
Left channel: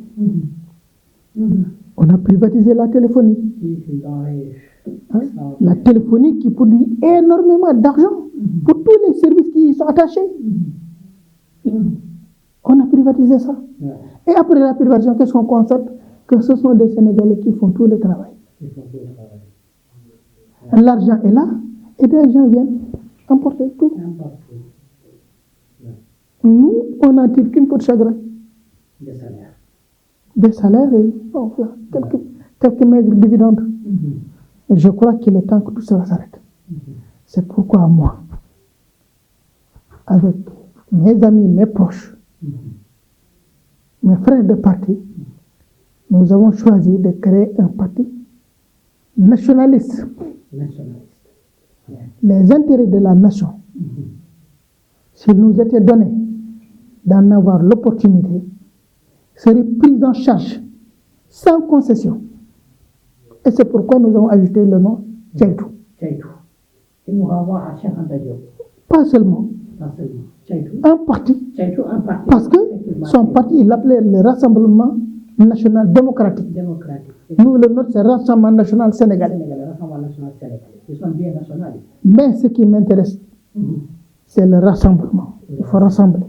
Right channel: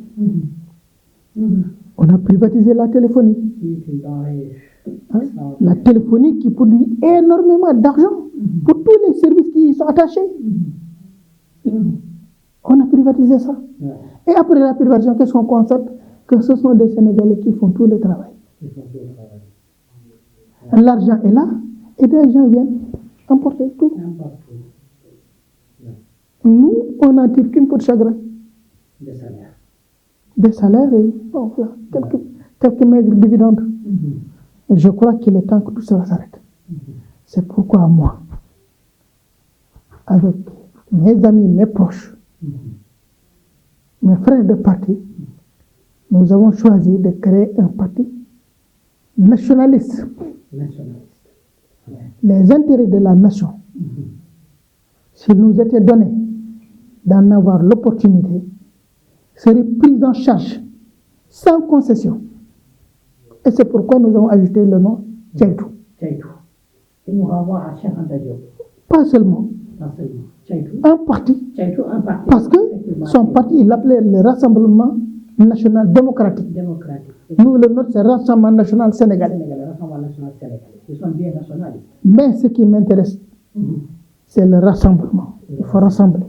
On a privatisé la téléphonie. Hein? La téléphonie qui produit énormément d'argent pour tous les services qui y sont attachés. On a privatisé ça. Et après la privatisation, qu'est-ce qu'on constate? Que ce sont des Sénégalais qui font tout le travail. L'argent est là et des gens viennent emporter tout. Nous, on n'en tire qu'une peau de chagrin. Des salaires et quelques maigres dividendes. Je crois qu'il est temps que tout cela s'arrête. C'est pourquoi moi, avec mes amis, mes proches, mes frères de parti, nous avons choisi de créer un parti nationaliste. Les intérêts de la nation, s'il nous était donné d'en avoir l'opportunité, seraient pris en charge sans concession. Et c'est pourquoi nous avons ajouté le nom Tchaïtou. Et nous renvoie à Cheikh Anta Diop. Pas seulement. Un parti. Parce que son parti, il l'appelait le Rassemblement National Démocratique. Nous, le nôtre, c'est Rassemblement National Sénégalais. Ils sont bien nationalistes. Mais ce qui m'intéresse, c'est le rassemblement. Il faut rassembler.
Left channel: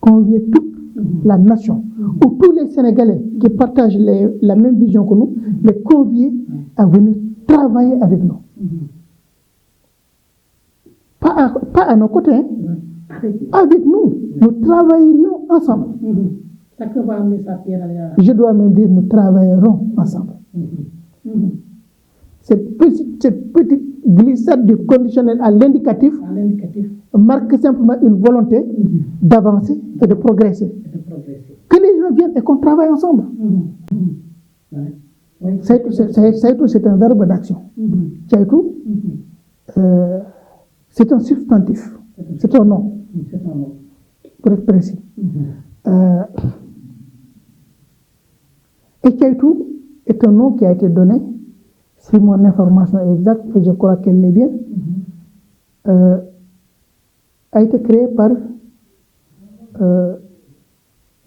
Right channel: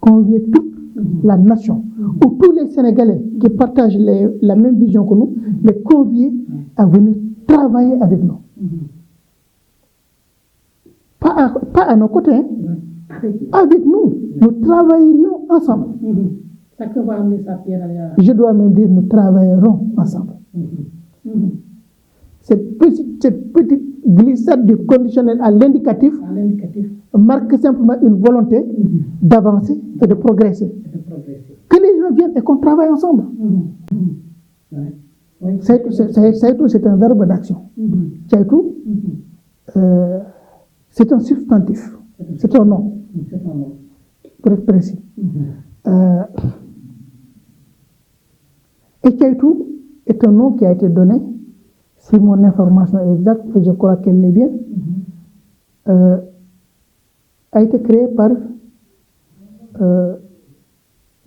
Convier toute la nation, ou tous les Sénégalais qui partagent la même vision que nous, les convier à venir travailler avec nous. Pas à nos côtés, hein. Avec nous, nous travaillerions ensemble. Je dois même dire, nous travaillerons ensemble. Cette petite glissade du conditionnel à l'indicatif marque simplement une volonté d'avancer et de progresser. Que les gens viennent et qu'on travaille ensemble. C'est un verbe d'action. C'est un substantif. C'est un nom. Pour être précis. Et Tchaïtou est un nom qui a été donné, si mon information est exacte, et je crois qu'elle l'est bien, a été créé par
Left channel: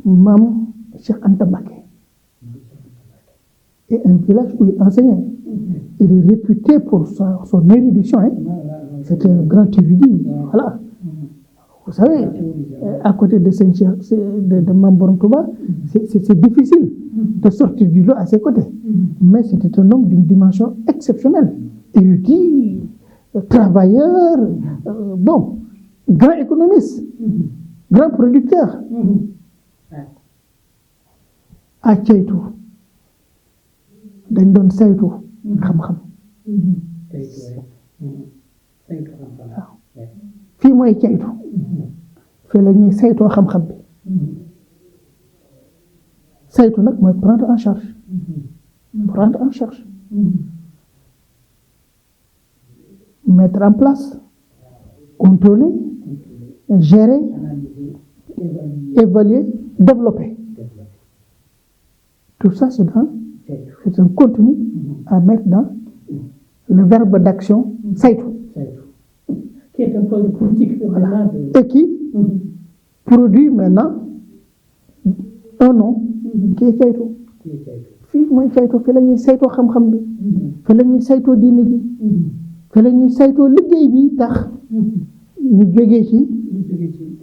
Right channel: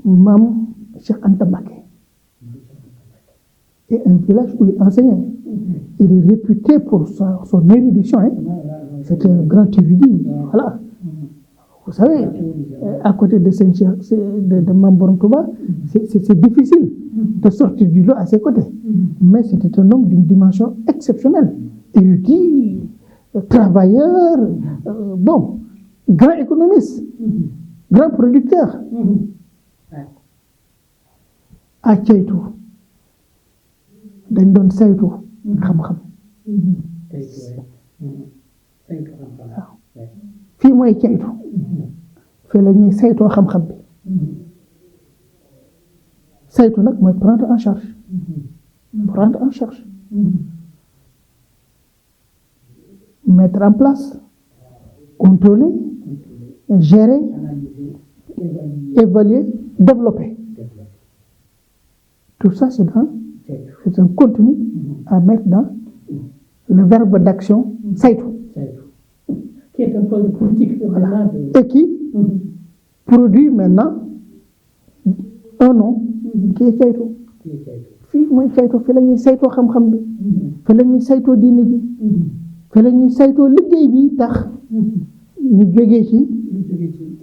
Mam Cheikh Anta Mbacké. Et un village où il enseignait. Il est réputé pour son érudition. Hein. C'était un grand érudit. Voilà. Vous savez, à côté de Mamboron Touba, c'est difficile de sortir du lot à ses côtés. Mais c'était un homme d'une dimension exceptionnelle. Érudit, travailleur, bon, grand économiste, grand producteur. À Tchaïtou, dañ doon saytu xam-xam. waaw fii mooy Tchaïtou. fii la ñuy saytoo xam-xam bi. saytu nag mooy prendre en charge. Prendre en charge. Mettre en place, contrôler, gérer, évaluer, développer. Tout ça, c'est un contenu à mettre dans le verbe d'action saytu. Qui est un projet politique. Voilà. Et qui produit maintenant un nom qui est Tchaïtou. fii mooy Tchaïtou, fii la ñuy saytoo xam-xam bi, fii la ñuy saytoo diine bi, fii la ñuy saytoo liggéey bi tax ñu jógee ci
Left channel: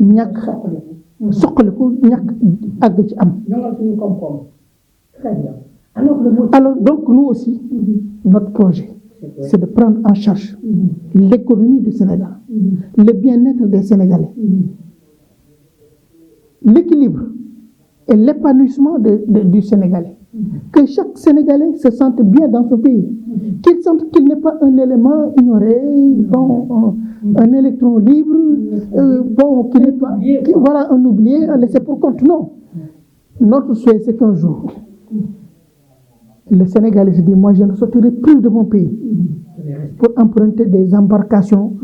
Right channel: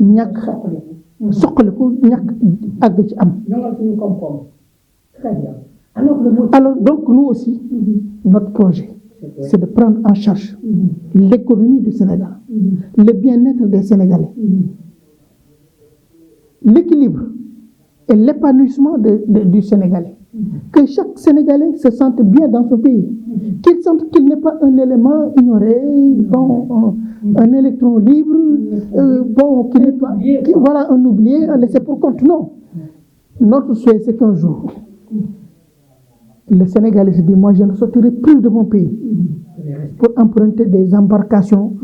ñàkk soqaliku ñàkk àgg ci am. Alors donc nous aussi, notre projet, c'est de prendre en charge l'économie du Sénégal, le bien-être des Sénégalais, l'équilibre et l'épanouissement du Sénégalais. que chaque Sénégalais se sente bien dans ce pays, qu'il sente qu'il n'est pas un élément ignoré, un électron libre, qu'il n'est pas voilà, un oublié, un laissé pour compte. Non. Notre souhait, c'est qu'un jour, le Sénégalais se dit, moi, je ne sortirai plus de mon pays pour emprunter des embarcations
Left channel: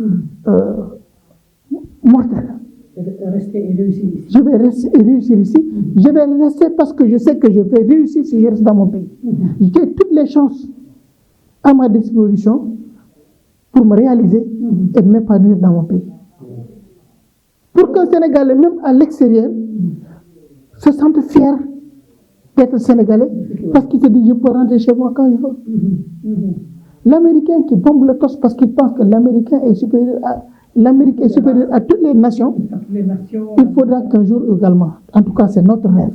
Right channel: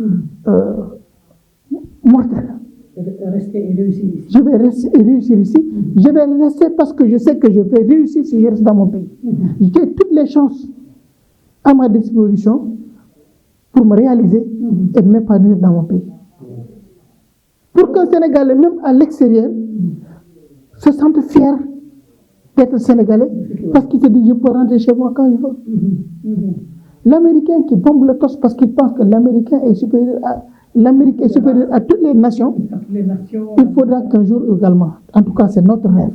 mortelles. Rester et réussir. Je vais rester et réussir ici. Je vais rester parce que je sais que je vais réussir si je reste dans mon pays. J'ai toutes les chances à ma disposition pour me réaliser et m'épanouir dans mon pays. Pour qu'un Sénégalais, même à l'extérieur, se sente fier d'être Sénégalais parce qu'il se dit je peux rentrer chez moi quand je veux. L'Américain qui bombe le torse parce qu'il pense que l'Amérique est supérieur à toutes les nations, il faudra qu'un jour également, en tout cas c'est notre rêve,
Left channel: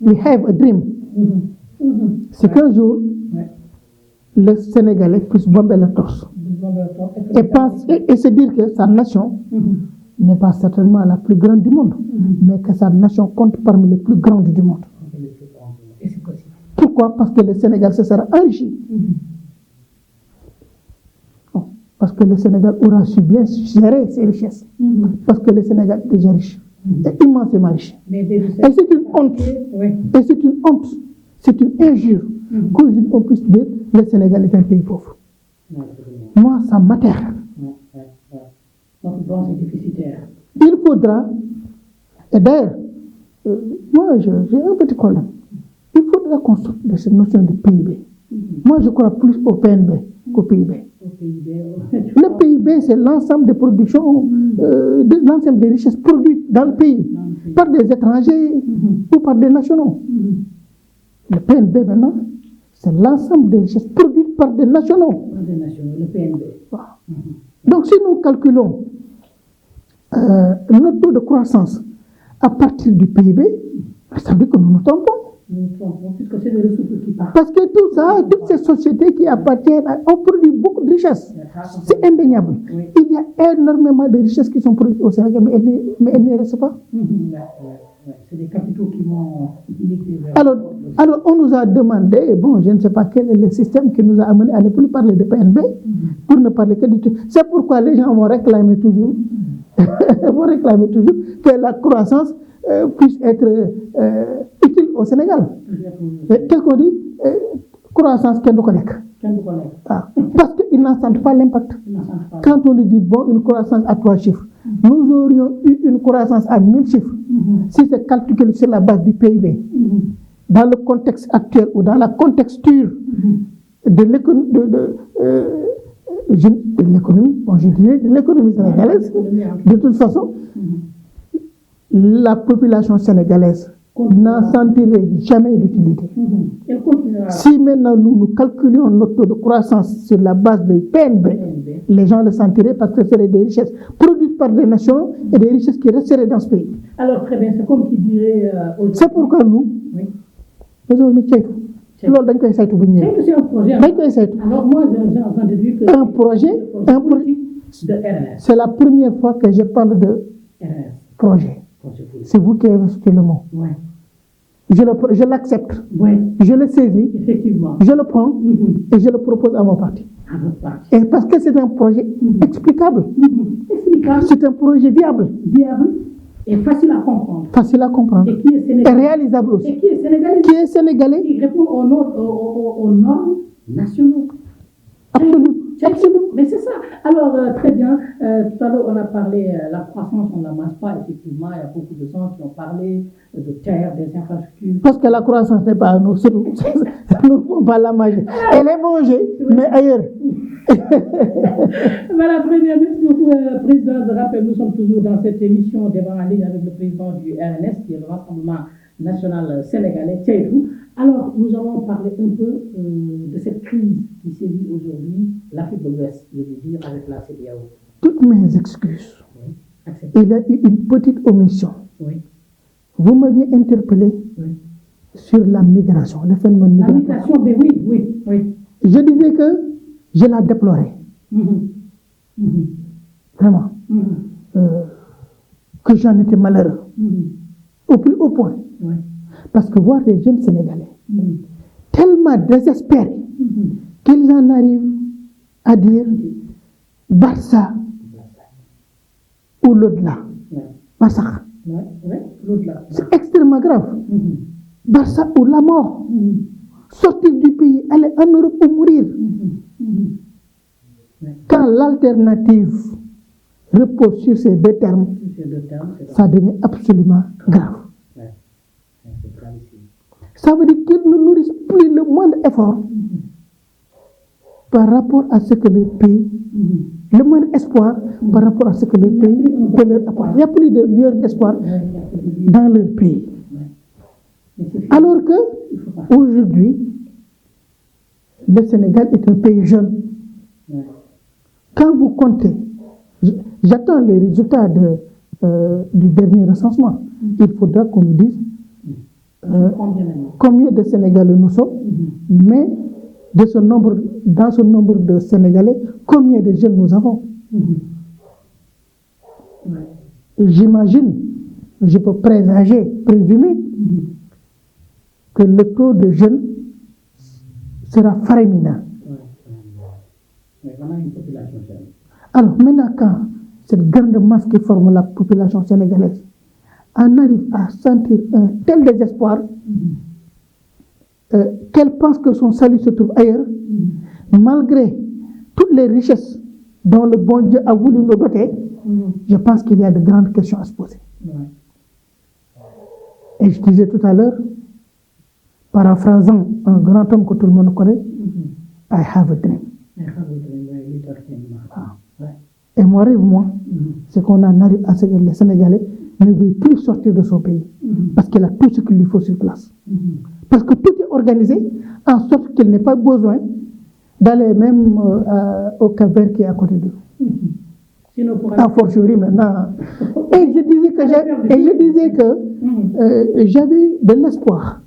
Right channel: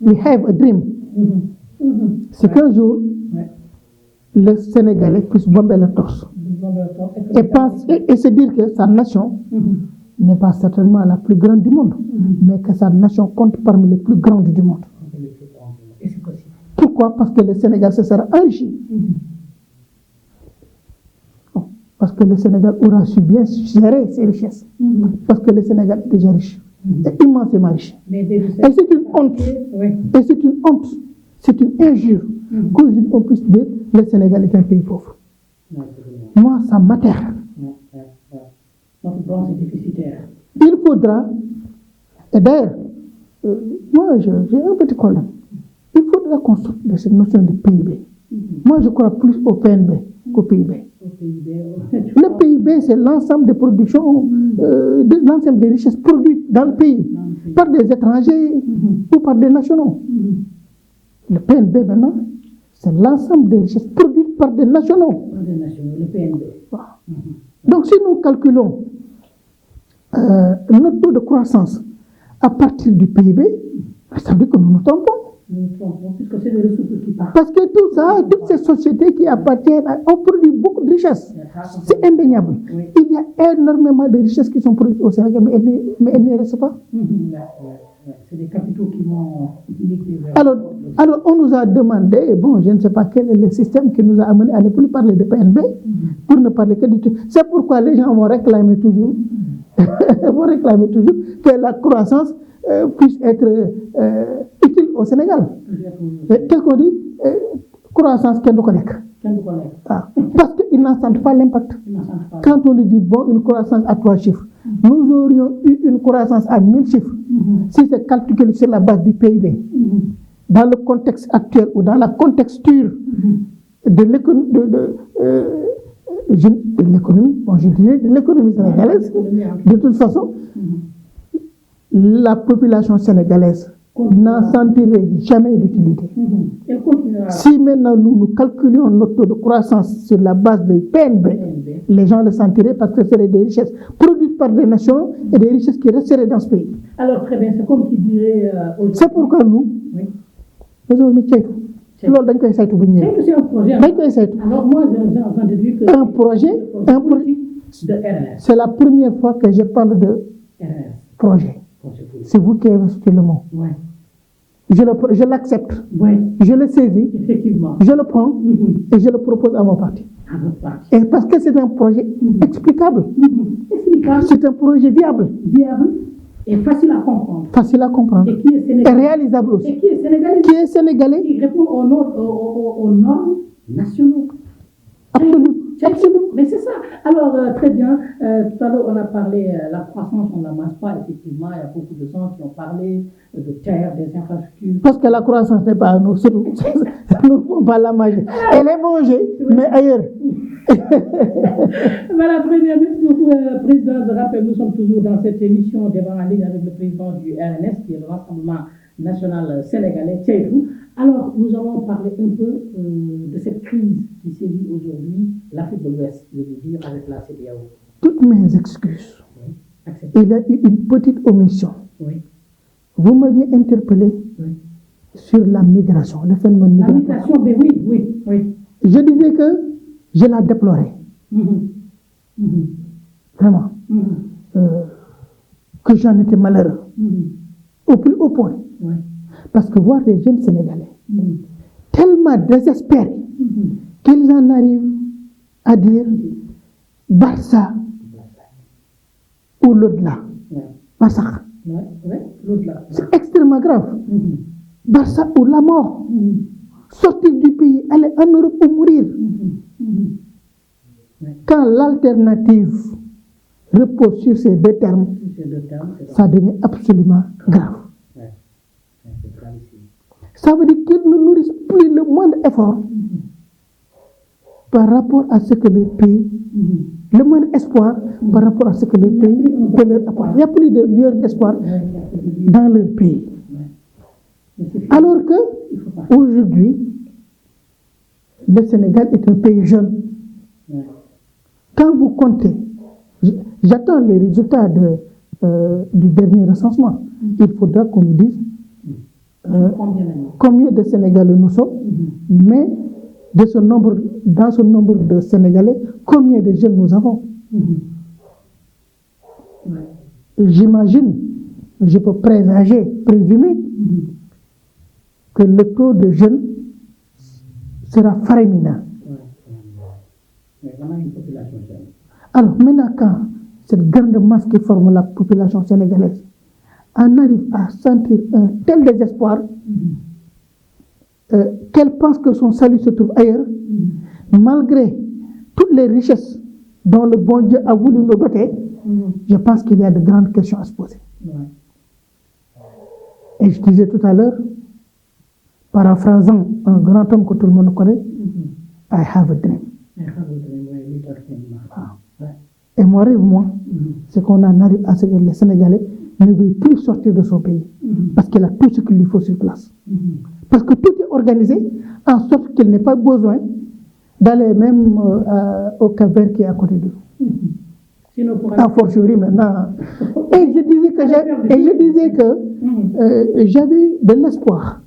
we have a dream, c'est qu'un jour, le Sénégalais puisse bomber le torse et se dire que sa nation n'est pas certainement la plus grande du monde, mais que sa nation compte parmi les plus grandes du monde. Pourquoi? Parce que le Sénégal se sera enrichi. Parce que le Sénégal aura su bien gérer ses richesses. Parce que le Sénégal est déjà riche. C'est immensément riche. Et c'est une honte. Et c'est une honte. C'est une injure. Qu'aujourd'hui on puisse dire le Sénégal est un pays pauvre. Moi, ça m'atterre. Il faudra, et d'ailleurs, moi j'ai un petit problème. Il faudra qu'on sorte de cette notion de PIB. Moi, je crois plus au PNB qu'au PIB. Le PIB, c'est l'ensemble des productions, l'ensemble des richesses produites dans le pays, par des étrangers ou par des nationaux. Le PNB, maintenant, c'est l'ensemble des richesses produites par des nationaux. Donc, si nous calculons notre taux de croissance à partir du PIB, ça veut dire que nous nous trompons. Puisque c'est les ressources qui partent. Parce que tout ça, toutes ces sociétés qui appartiennent, ont produit beaucoup de richesses. C'est indéniable. Il y a énormément de richesses qui sont produites au Sénégal, mais elles ne restent pas. C'est des capitaux qui vont migrer vers... Alors, on nous a demandé, bon, je ne sais pas quel est le système qui nous a amené à ne plus parler de PNB, pour ne parler que du tout. C'est pourquoi les gens vont réclamer toujours que la croissance puisse être utile au Sénégal. Qu'est-ce qu'on dit? Croissance qu'elle ne connaît pas. Parce qu'ils n'en sentent pas l'impact. Quand on nous dit, bon, une croissance à 3 chiffres, nous aurions eu une croissance à 1000 chiffres, si c'est calculé sur la base du PIB. Dans le contexte actuel ou dans la contexture de l'économie, l'économie sénégalaise, de toute façon, la population sénégalaise n'en sentirait jamais d'utilité. Si maintenant nous calculions notre taux de croissance sur la base du PNB, les gens le sentiraient parce que ce seraient des richesses produites par des nations et des richesses qui resteraient dans ce pays. Alors très bien, c'est comme qui dirait... c'est pourquoi nous avons mis Tchaïtou. C'est un projet. Alors moi, j'ai entendu dire que... Un projet, c'est la première fois que je parle de projet. C'est vous qui avez rejeté le mot. Je l'accepte. Je le saisis. Effectivement. Je le prends et je le propose à mon parti. Et parce que c'est un projet explicable. C'est un projet viable. Et facile à comprendre. Et qui est sénégalais. Et réalisable aussi. Et qui est sénégalais. Qui répond aux normes nationaux. Absolument. Mais c'est ça. Alors, très bien. Tout à l'heure, on a parlé la croissance, on ne la masse pas. Effectivement, il y a beaucoup de gens qui ont parlé de terre, des infrastructures. Parce que la croissance n'est pas à nous. C'est nous. Nous ne pouvons pas la manger. Elle est mangée, mais ailleurs. Voilà, très bien. Merci beaucoup, Président. Je rappelle, nous sommes toujours dans cette émission Débat en ligne avec le président du RNS, qui est le Rassemblement national sénégalais, Tchaïtou. Alors, nous allons parler un peu de cette crise qui sévit aujourd'hui, l'Afrique de l'Ouest, je veux dire, avec la CEDEAO. Toutes mes excuses. Il y a eu une petite omission. Vous m'aviez interpellé sur la migration, le phénomène migratoire. La migration, mais oui. Je disais que je la déplorais. Vraiment. Que j'en étais malheureux. Au plus haut point. Parce que voir les jeunes Sénégalais tellement désespérés qu'ils en arrivent à dire Barça ou l'au-delà. Barça. C'est extrêmement grave. Barça ou la mort. Sortir du pays, aller en Europe ou mourir. Quand l'alternative repose sur ces deux termes, ça devient absolument grave. Ça veut dire qu'ils ne nourrissent plus le moindre effort par rapport à ce que le pays, le moindre espoir par rapport à ce que le pays peut leur apporter. Il n'y a plus de lueur d'espoir dans leur pays. Alors que, aujourd'hui, le Sénégal est un pays jeune. Quand vous comptez, j'attends les résultats du dernier recensement. Il faudra qu'on nous dise combien de Sénégalais nous sommes, mais dans ce nombre de Sénégalais, combien de jeunes nous avons. J'imagine, je peux présumer que le taux de jeunes sera faramineux. Alors maintenant, quand cette grande masse qui forme la population sénégalaise en arrive à sentir un tel désespoir qu'elle pense que son salut se trouve ailleurs, malgré toutes les richesses dont le bon Dieu a voulu nous doter, je pense qu'il y a de grandes questions à se poser. Et je disais tout à l'heure, paraphrasant un grand homme que tout le monde connaît, I have a dream. Et mon rêve, moi, c'est qu'on en arrive à ce que les Sénégalais ne veulent plus sortir de son pays, parce qu'il a tout ce qu'il lui faut sur place. Parce que tout est organisé en sorte qu'il n'ait pas besoin d'aller même au Cap-Vert qui est à côté d'eux. A fortiori maintenant. Et je disais que j'avais de l'espoir.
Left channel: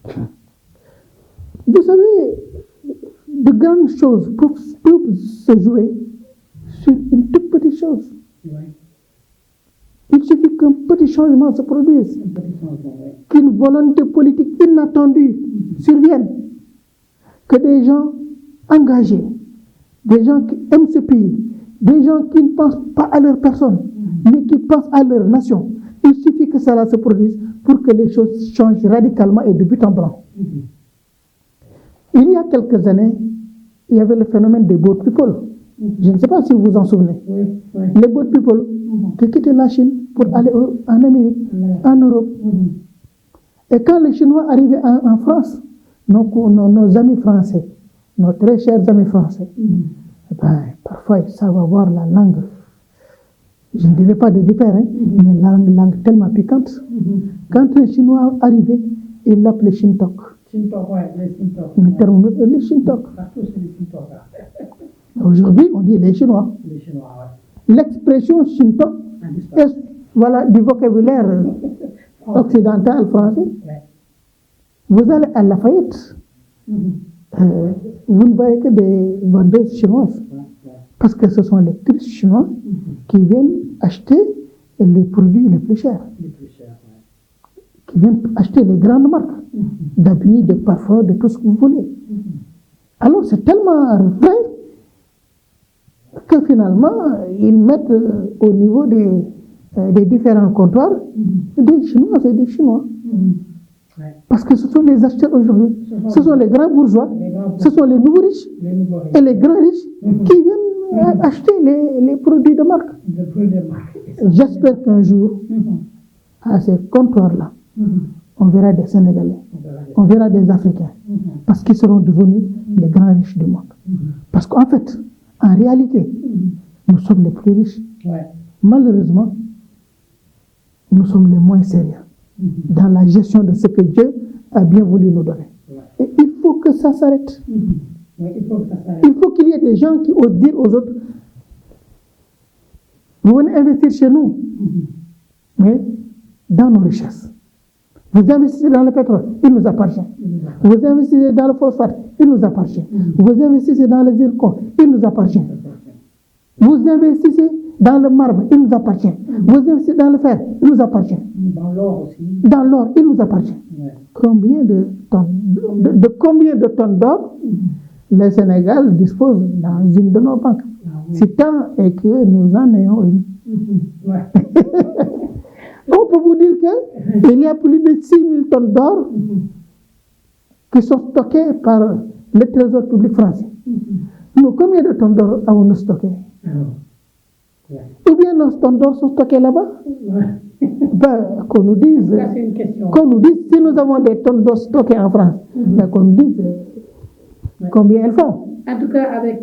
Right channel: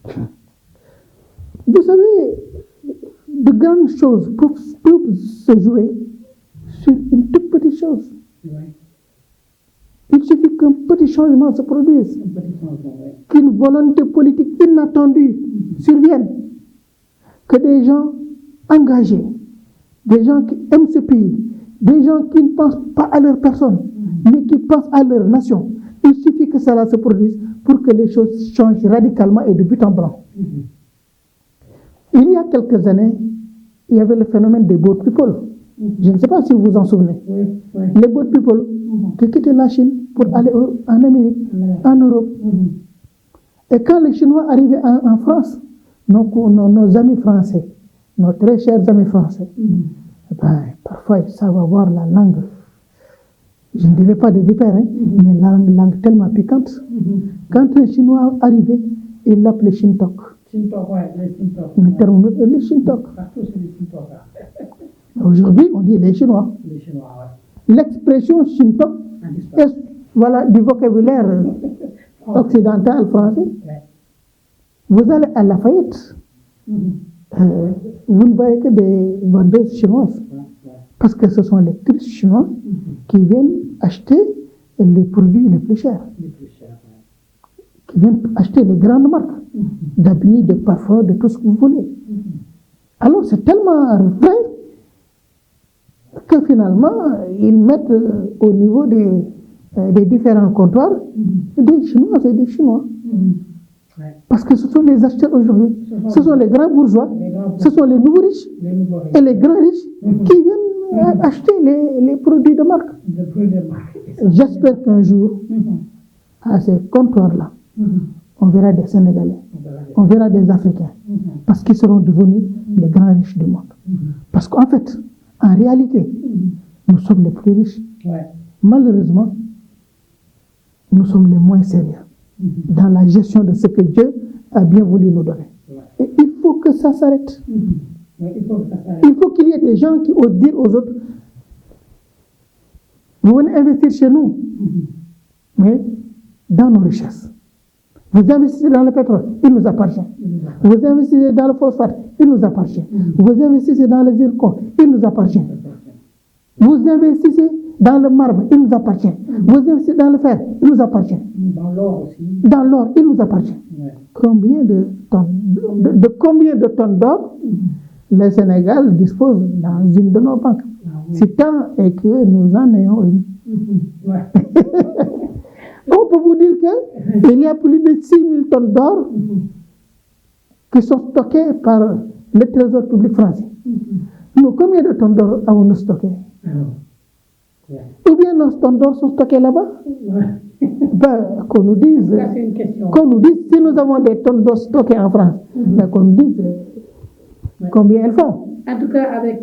Vous savez, de grandes choses peuvent se jouer sur une toute petite chose. Il suffit qu'un petit changement se produise, qu'une volonté politique inattendue survienne, que des gens engagés, des gens qui aiment ce pays, des gens qui ne pensent pas à leur personne, mais qui pensent à leur nation. Il suffit que cela se produise pour que les choses changent radicalement et de but en blanc. Il y a quelques années, il y avait le phénomène des boat people. Je ne sais pas si vous vous en souvenez. Les boat people qui quittaient la Chine pour aller en Amérique, en Europe. Et quand les Chinois arrivaient en France, nos amis français, nos très chers amis français, parfois ils savent avoir la langue, je ne dirais pas de vipère, mais la langue tellement piquante. Quand un Chinois arrivait, il l'appelait Shintok. Le Shintok. Aujourd'hui, on dit les Chinois. L'expression Shintok est du vocabulaire occidental français. Vous allez à Lafayette, vous ne voyez que des vendeuses chinoises. Parce que ce sont les touristes chinois qui viennent acheter les produits les plus chers. Qui viennent acheter des grandes marques d'habits, de parfums, de tout ce que vous voulez. Alors c'est tellement vrai que finalement, ils mettent au niveau des différents comptoirs des Chinois et des Chinois. Parce que ce sont les acheteurs aujourd'hui. Ce sont les grands bourgeois, ce sont les nouveaux riches et les grands riches qui viennent acheter les produits de marque. J'espère qu'un jour, à ces comptoirs-là, on verra des Sénégalais, on verra des Africains, parce qu'ils seront devenus les grands riches du monde. Parce qu'en fait, en réalité, nous sommes les plus riches. Malheureusement, nous sommes les moins sérieux dans la gestion de ce que Dieu a bien voulu nous donner. Et il faut que ça s'arrête. Il faut qu'il y ait des gens qui osent dire aux autres, vous venez investir chez nous, mais dans nos richesses. Vous investissez dans le pétrole, il nous appartient. Vous investissez dans le phosphate, il nous appartient. Vous investissez dans le zircon, il nous appartient. Vous investissez dans le marbre, il nous appartient. Vous investissez dans le fer, il nous appartient. l'or aussi. Dans l'or, il nous appartient. Ouais. Combien de tonnes d'or le Sénégal dispose dans une de nos banques? Si tant est que nous en ayons une. Ouais. On peut vous dire qu'il y a plus de 6 000 tonnes d'or qui sont stockées par le Trésor public français. Nous, combien de tonnes d'or avons-nous stockées? Ou bien nos tonnes d'or sont stockées là-bas? Ben, qu'on nous dise, Ça, c'est une question. si nous avons des tonnes d'or stockées en France, ben, qu'on nous dise combien elles font. En tout cas, avec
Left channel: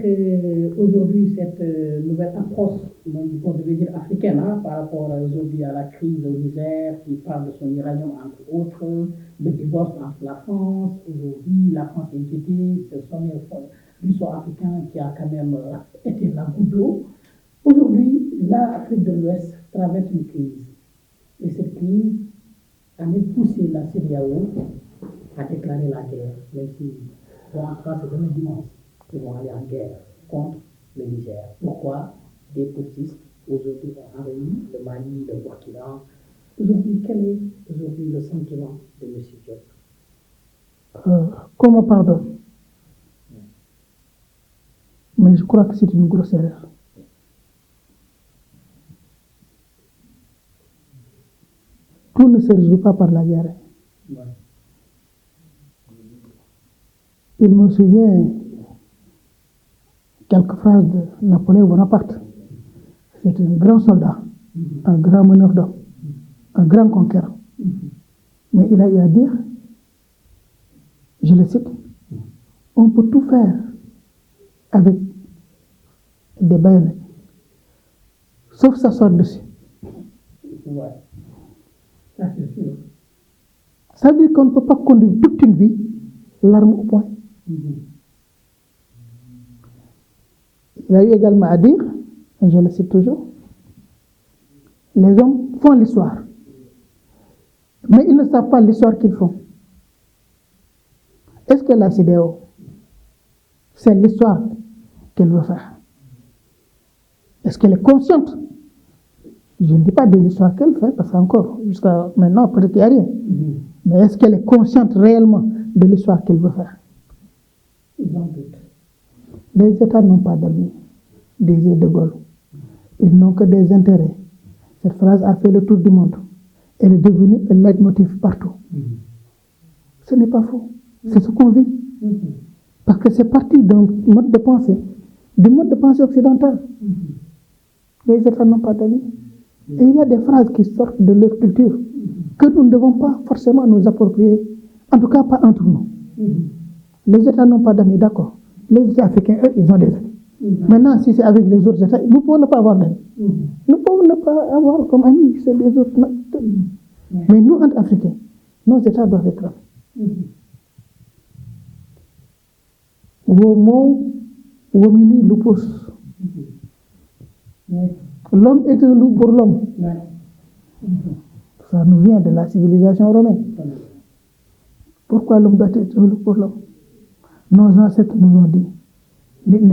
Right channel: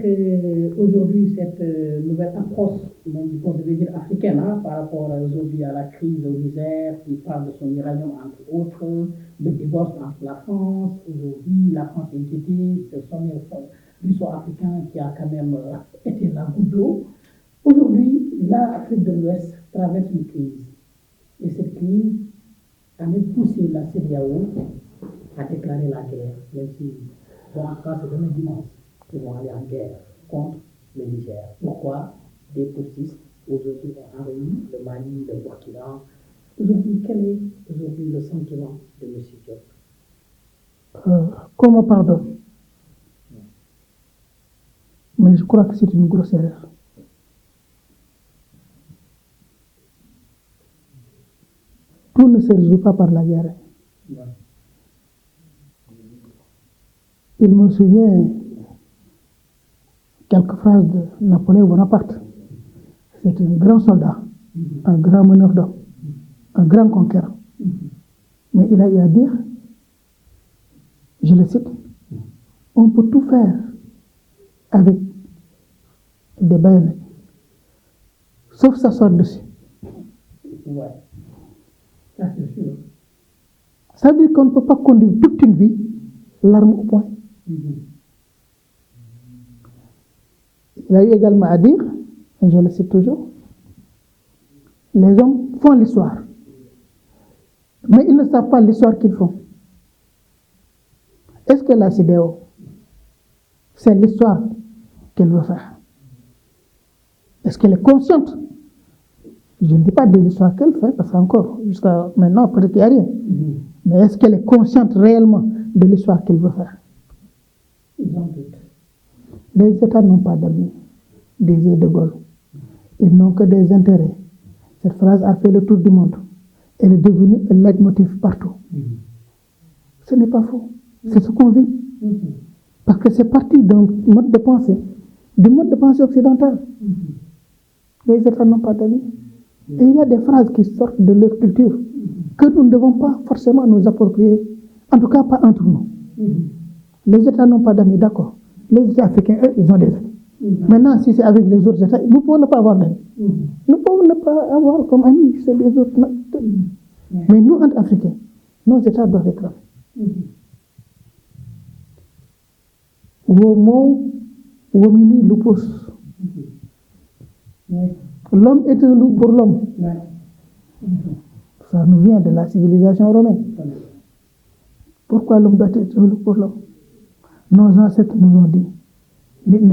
aujourd'hui cette nouvelle approche, on devait dire africaine, hein, par rapport aujourd'hui à la crise au Niger, qui parle de son uranium entre autres, le divorce entre la France, aujourd'hui la France est inquiétée, ce sont l'histoire africaine qui a quand même été là au dos. Aujourd'hui, l'Afrique de l'Ouest traverse une crise. Et cette crise a même poussé la CEDEAO à déclarer la guerre, même si on ne pas c'est vraiment dimanche qui vont aller en guerre contre le Niger. Pourquoi? Des poussistes aujourd'hui ont envahi le Mali, le Burkina. Aujourd'hui, quel est aujourd'hui le sentiment de M. Diop? Comment pardon? Mais je crois que c'est une grosse erreur. On ne se résout pas par la guerre. Il me souvient quelques phrases de Napoléon Bonaparte. C'est un grand soldat, un grand meneur d'hommes, un grand conquérant. Mais il a eu à dire, je le cite, on peut tout faire avec des baïonnettes, sauf s'asseoir dessus. Ouais. Ça, c'est sûr. Ça veut dire qu'on ne peut pas conduire toute une vie l'arme au poing. Il a eu également à dire, et je le cite toujours, les hommes font l'histoire, mais ils ne savent pas l'histoire qu'ils font. Est-ce que la CEDEAO, c'est l'histoire qu'elle veut faire? Est-ce qu'elle est consciente? Je ne dis pas de l'histoire qu'elle fait, parce qu'encore, jusqu'à maintenant, peut-être qu'il n'y a rien. Mais est-ce qu'elle est consciente réellement de l'histoire qu'elle veut faire? Les États n'ont pas d'amis, disait De Gaulle. Ils n'ont que des intérêts. Cette phrase a fait le tour du monde. Elle est devenue un leitmotiv partout. Ce n'est pas faux. C'est ce qu'on vit. Parce que c'est parti d'un mode de pensée, du mode de pensée occidental. Les États n'ont pas d'amis. Et il y a des phrases qui sortent de leur culture que nous ne devons pas forcément nous approprier, en tout cas pas entre nous. Les États n'ont pas d'amis, d'accord. Les États africains, eux, ils ont des amis. Maintenant, si c'est avec les autres États, nous pouvons ne pas avoir d'amis. Nous pouvons ne pas avoir comme amis, c'est les autres. Mais nous, entre Africains, nos États doivent être amis. Womini lupus. L'homme est un loup pour l'homme. Ça nous vient de la civilisation romaine. Pourquoi l'homme doit être un loup pour l'homme? Nos ancêtres nous ont dit, l'homme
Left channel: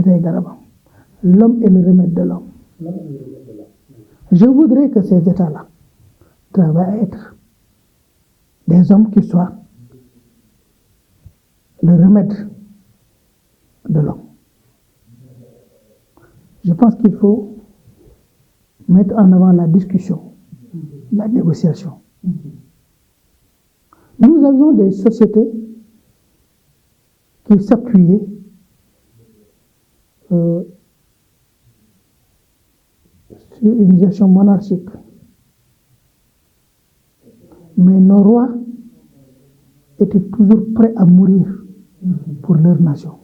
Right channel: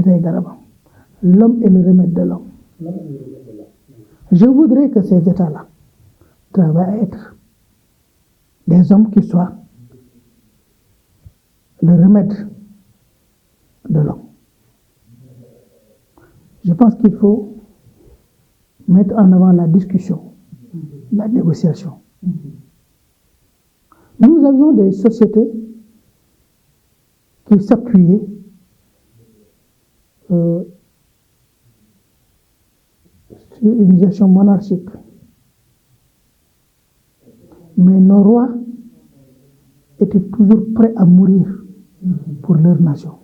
est le remède de l'homme. Je voudrais que ces États-là travaillent à être des hommes qui soient le remède de l'homme. Je pense qu'il faut mettre en avant la discussion, la négociation. Nous avions des sociétés qui s'appuyaient sur une gestion monarchique. Mais nos rois étaient toujours prêts à mourir pour leur nation.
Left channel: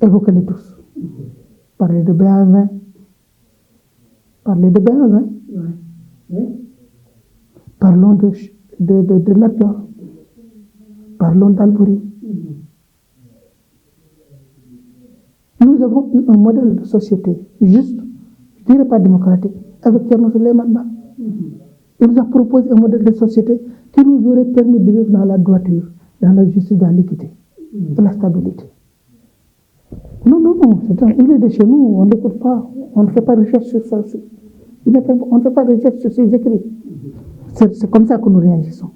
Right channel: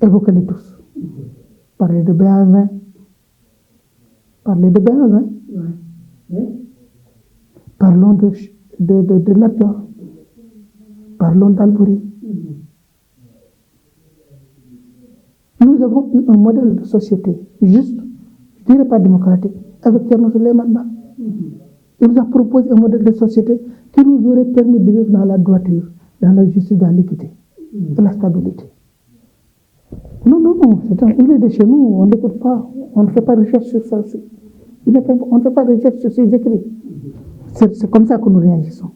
Évoquez-les tous. Parlez de Béhanzin. Parlez de Béhanzin. Parlons de Lat-Dior. Parlons d'Albouri. Nous avons eu un modèle de société juste, je ne dirais pas démocratique, avec Thierno Souleymane Ba. Il nous a proposé un modèle de société qui nous aurait permis de vivre dans la droiture, dans la justice, dans l'équité et la stabilité. Non, il est de chez nous, on ne fait pas recherche sur ça. On ne peut pas réagir sur ces écrits. C'est comme ça que nous réagissons.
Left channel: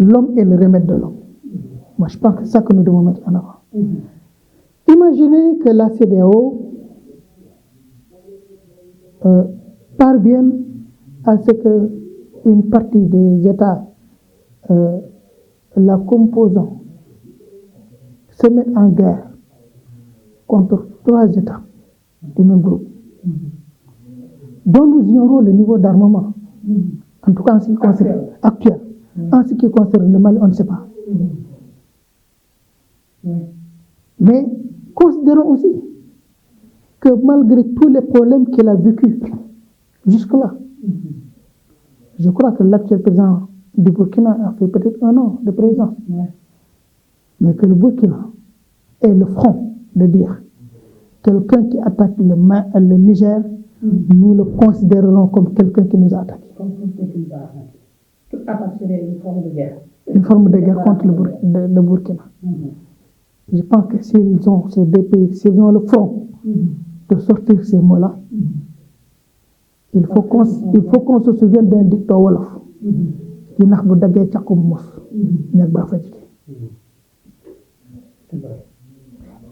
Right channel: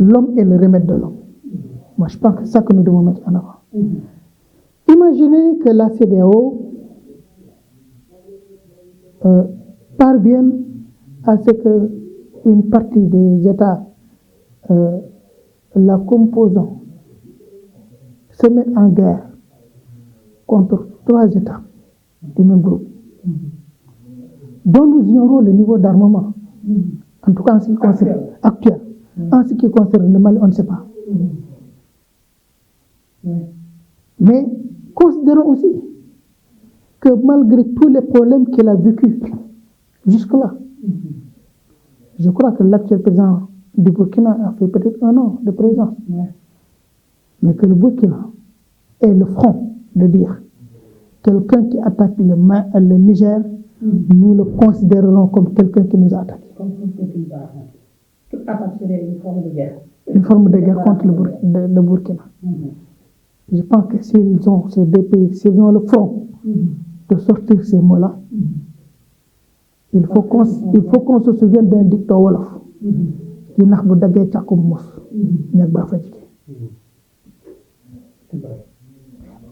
L'homme est le remède de l'homme. Moi, je pense que c'est ça que nous devons mettre en avant. Imaginez que la CEDEAO parvienne à ce qu'une partie des États la composant se mettent en guerre contre 3 États du même groupe, dont nous ignorons le niveau d'armement, en tout cas en ce qui concerne actuel. En ce qui concerne le Mali, on ne sait pas. Mais considérons aussi que malgré tous les problèmes qu'il a vécu jusque-là, je crois que l'actuel président du Burkina a fait peut-être 1 an de présence, mais que le Burkina est le front de dire quelqu'un qui attaque le Niger, nous le considérerons comme quelqu'un qui nous a attaqué. Toute attaque serait une forme de guerre. Une forme de guerre contre le Burkina. Je pense que s'ils ont ces 2 pays, s'ils ont le front de sortir ces mots-là, il faut qu'on se souvienne d'un dicton wolof.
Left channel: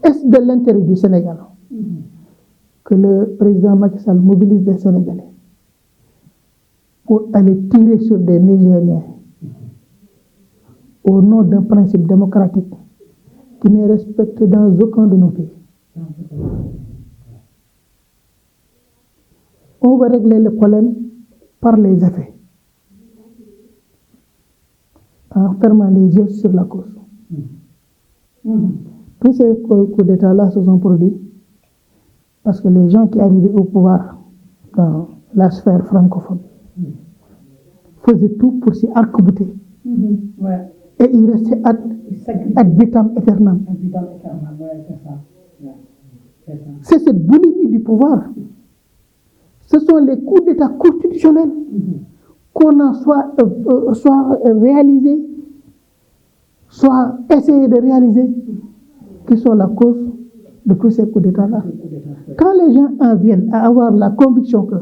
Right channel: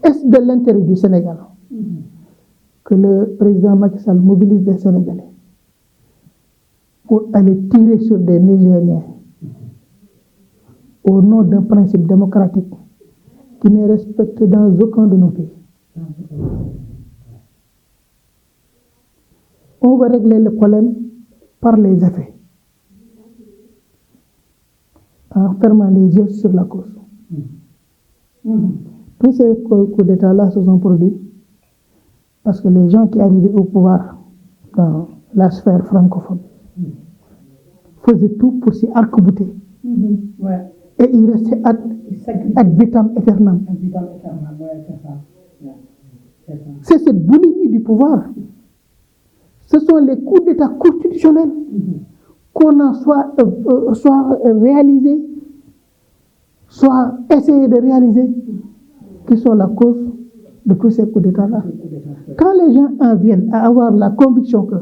Est-ce de l'intérêt du Sénégal que le président Macky Sall mobilise des Sénégalais pour aller tirer sur des Nigériens au nom d'un principe démocratique qui n'est respecté dans aucun de nos pays? On va régler le problème par les effets, en fermant les yeux sur la cause. Tous ces coups d'État-là se sont produits parce que les gens qui arrivaient au pouvoir dans la sphère francophone faisaient tout pour s'y arc-bouter. Et ils restaient ad vitam aeternam. C'est ce bénéfice du pouvoir. Ce sont les coups d'État constitutionnels qu'on en soit réalisés, soit essayé de réaliser, qui sont la cause de tous ces coups d'État-là. Quand les gens en viennent à avoir la conviction que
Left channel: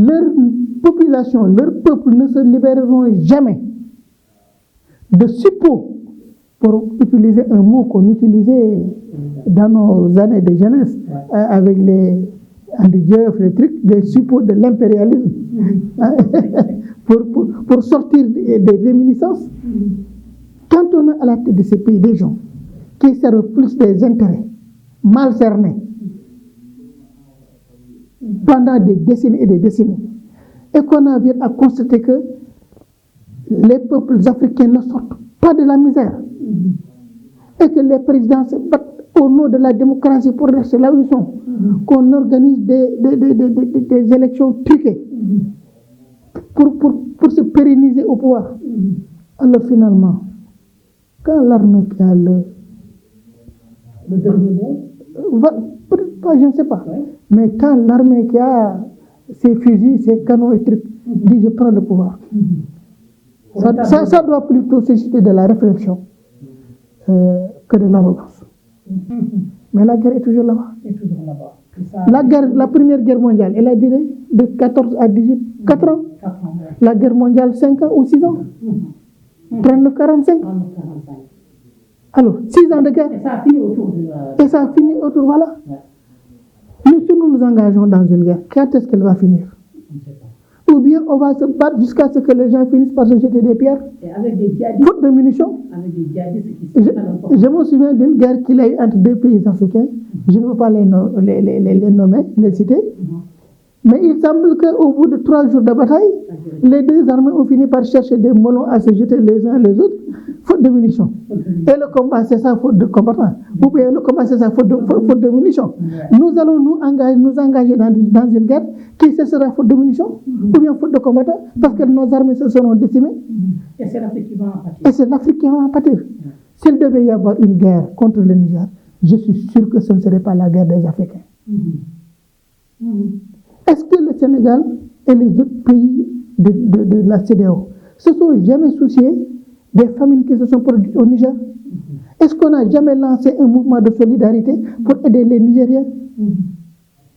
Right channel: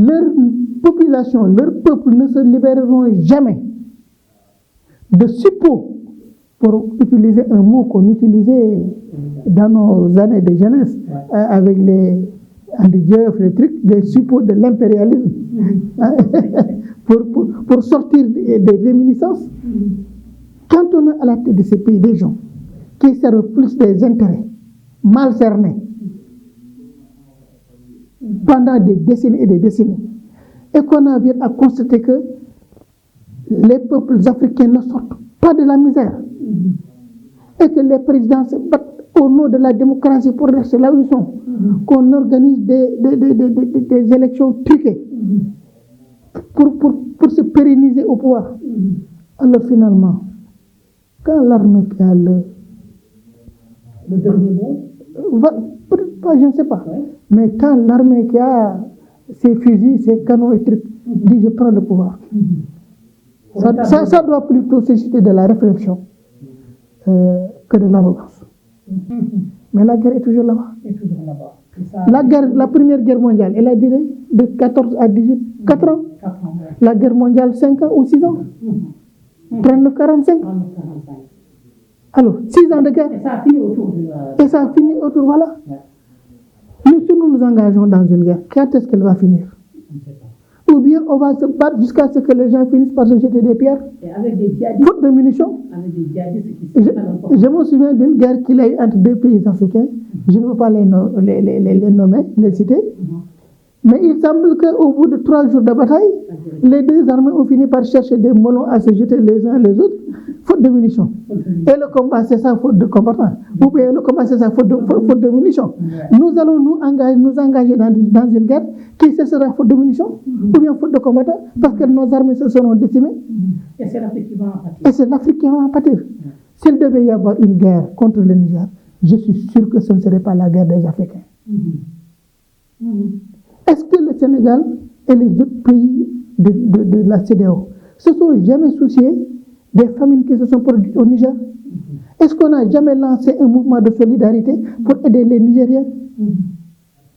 leur population, leur peuple ne se libéreront jamais de suppos, pour utiliser un mot qu'on utilisait dans nos années de jeunesse, avec les les trucs, des suppos de l'impérialisme, pour sortir des réminiscences. Quand on a à la tête de ces pays des gens qui servent plus des intérêts mal cernés pendant des décennies et des décennies, et qu'on en vient à constater que les peuples africains ne sortent pas de la misère, et que les présidents se battent au nom de la démocratie pour rester là où ils sont, qu'on organise des élections truquées pour se pérenniser au pouvoir. Alors finalement, quand l'armée qui a le dernier mot, peut-être pas, je ne sais pas, mais quand l'armée qui a ses fusils, ses canons et trucs, dit je prends le pouvoir, ça doit plutôt susciter de la réflexion que de l'arrogance. Mais la guerre est toujours là-bas. La première guerre mondiale, elle a duré de 14 à 18, 4 ans. La guerre mondiale, 5 ans ou 6 ans. 39-45. Alors, 6 ans de guerre. Et ça a fini autour. Voilà. Nous, si nous nous engageons dans une guerre, quand est-ce qu'elle va finir? Ou bien on va se battre jusqu'à ce que les gens finissent par se jeter des pierres. Et avec des djihadistes. Faute de munitions. Avec des djihadistes je me souviens d'une guerre qu'il y a eu entre 2 pays africains. Je ne veux pas les nommer, les citer. Mais il semble qu'au bout de 3 jours de bataille, les 2 armées ont fini par chercher des melons à se jeter les uns les autres, faute de munitions. Et le combat, c'est ça, faute de combattants. Ou bien le combat, c'est ça, faute de munitions. Nous allons nous engager dans une guerre qui ce sera faute de munitions, ou bien faute de combattants, parce que nos armées se seront décimées. Et c'est l'Afrique qui va en pâtir. Et c'est l'Afrique qui va en pâtir. S'il devait y avoir une guerre contre le Niger, je suis sûr que ce ne serait pas la guerre des Africains. Est-ce que le Sénégal et les autres pays de la CEDEAO se sont jamais souciés des famines qui se sont produites au Niger? Est-ce qu'on n'a jamais lancé un mouvement de solidarité pour aider les Nigériens?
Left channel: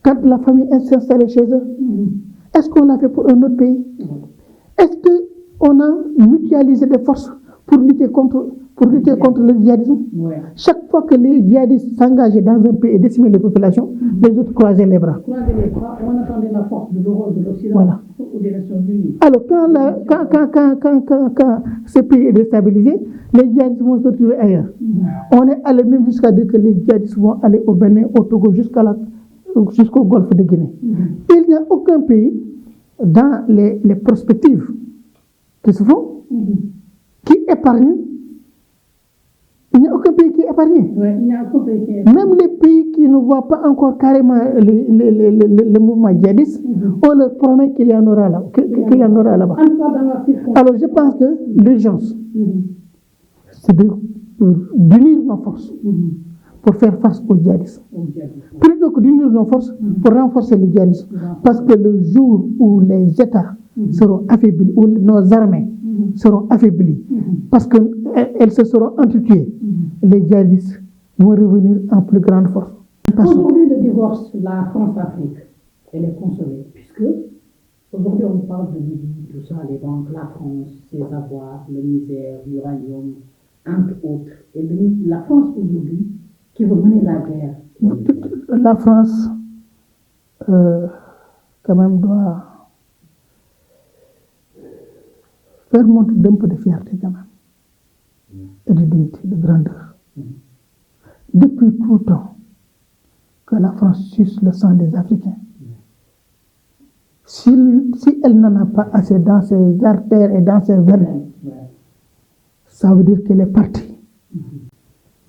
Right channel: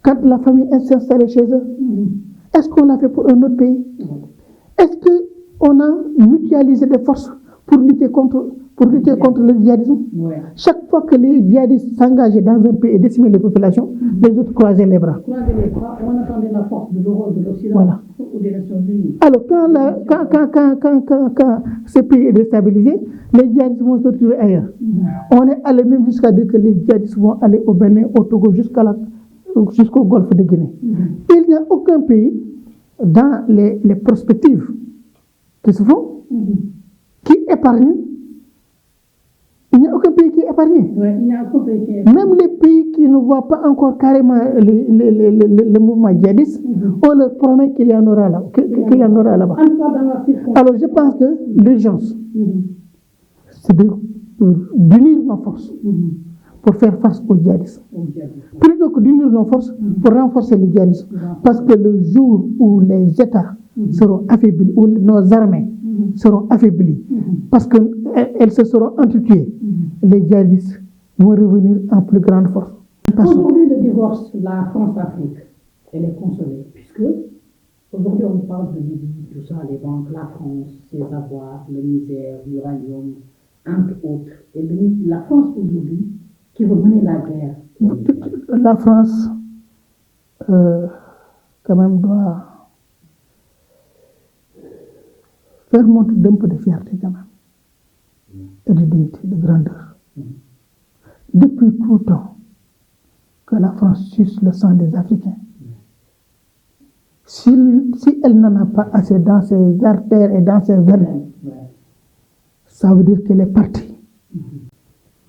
quand la famille s'est installée chez eux, est-ce qu'on l'a fait pour un autre pays? Est-ce qu'on a mutualisé des forces pour lutter contre le djihadisme? Chaque fois que les djihadistes s'engageaient dans un pays et décimaient les populations, les autres croisaient les bras. On attendait la force de l'Europe, de l'Occident, Voilà. ou des Nations Unies. Alors, quand ce pays est déstabilisé, les djihadistes vont se retrouver ailleurs. On est allé même jusqu'à dire que les djihadistes vont aller au Bénin, au Togo, jusqu'au golfe de Guinée. Il n'y a aucun pays dans les perspectives qui se font qui épargne. Il n'y a aucun pays qui est épargné. Il n'y a aucun pays qui est épargné. Même les pays qui ne voient pas encore carrément le mouvement djihadiste, on leur promet qu'il y en aura là, là-bas. Alors je pense que l'urgence, c'est d'unir nos forces pour faire face au djihadisme. Plutôt que d'unir nos forces pour renforcer le djihadisme. Parce que le jour où les États seront affaiblis, où nos armées seront affaiblies, parce qu'elles se seront entretuées, les djihadistes vont revenir en plus grande force. Aujourd'hui, le divorce, la France-Afrique, elle est consolée, puisque aujourd'hui on parle de tout ça, les banques, la France, ses avoirs, le misère, l'uranium, entre autres. Et la France aujourd'hui, qui veut mener la guerre. La France, quand même, doit faire montre d'un peu de fierté, quand même, et de dignité, de grandeur. Depuis tout temps que la France suce le sang des Africains, si elle n'en a pas assez dans ses artères et dans ses veines, ça veut dire qu'elle est partie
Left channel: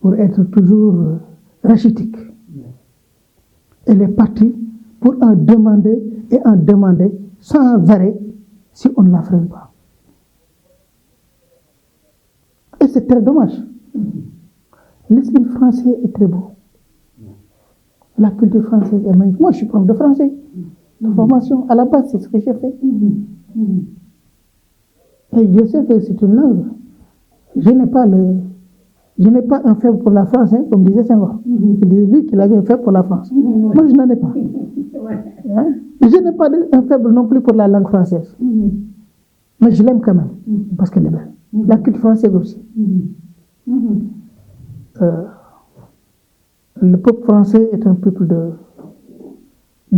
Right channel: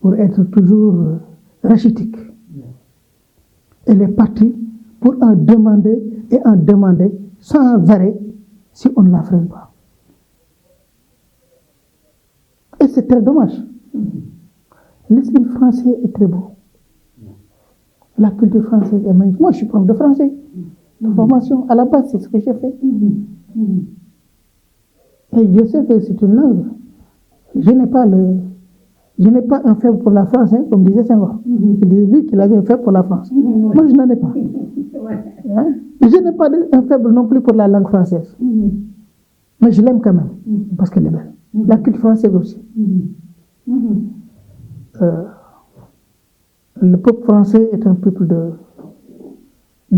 pour être toujours rachitique. Elle est partie pour en demander sans arrêt si on ne la freine pas. Et c'est très dommage. L'esprit français est très beau. La culture française est magnifique. Moi, je suis prof de français. De formation, à la base, c'est ce que j'ai fait. Et je sais que c'est une langue. Je n'ai pas un faible pour la France, hein, comme disait Senghor. C'est lui qui avait un faible pour la France. Moi, je n'en ai pas. Hein? Je n'ai pas un faible non plus pour la langue française. Mais je l'aime quand même, parce qu'elle est belle. La culture française aussi. Le peuple français est un peuple de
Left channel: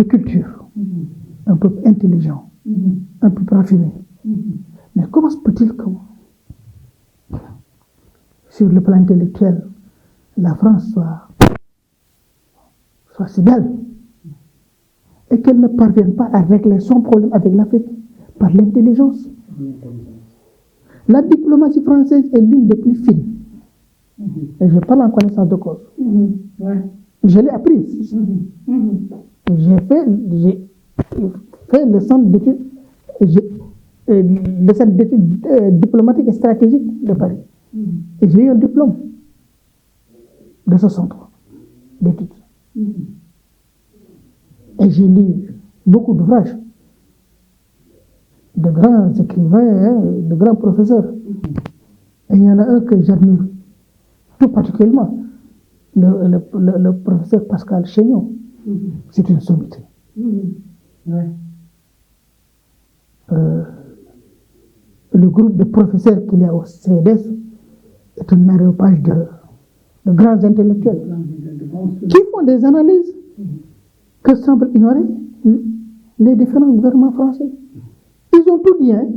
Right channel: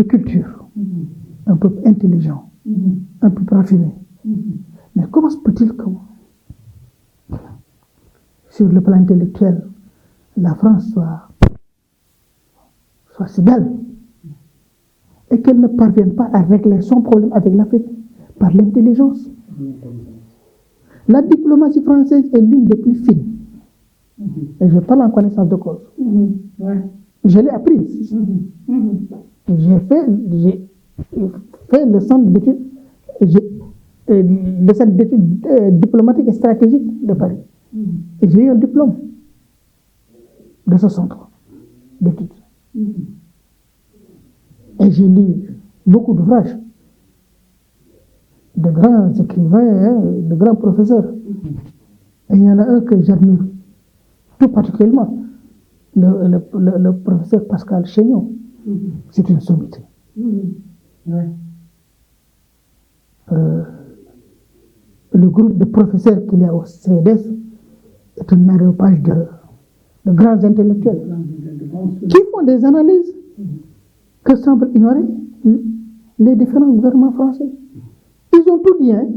culture, un peuple intelligent, un peuple raffiné. Mais comment se peut-il que, sur le plan intellectuel, la France soit si belle et qu'elle ne parvienne pas à régler son problème avec l'Afrique par l'intelligence? La diplomatie française est l'une des plus fines. Et je parle en connaissance de cause. Je l'ai apprise. J'ai fait le centre d'études diplomatiques et stratégiques de Paris. Et j'ai eu un diplôme de ce centre d'études. Et j'ai lu beaucoup d'ouvrages de grands écrivains, de grands professeurs. Et il y en a un que j'admire tout particulièrement, le professeur Pascal Chénion. C'est une sommité. Le groupe de professeurs qu'il y a au CEDES est un aréopage de grands intellectuels qui font des analyses que semblent ignorer les différents gouvernements français. Ils ont tout dit, hein.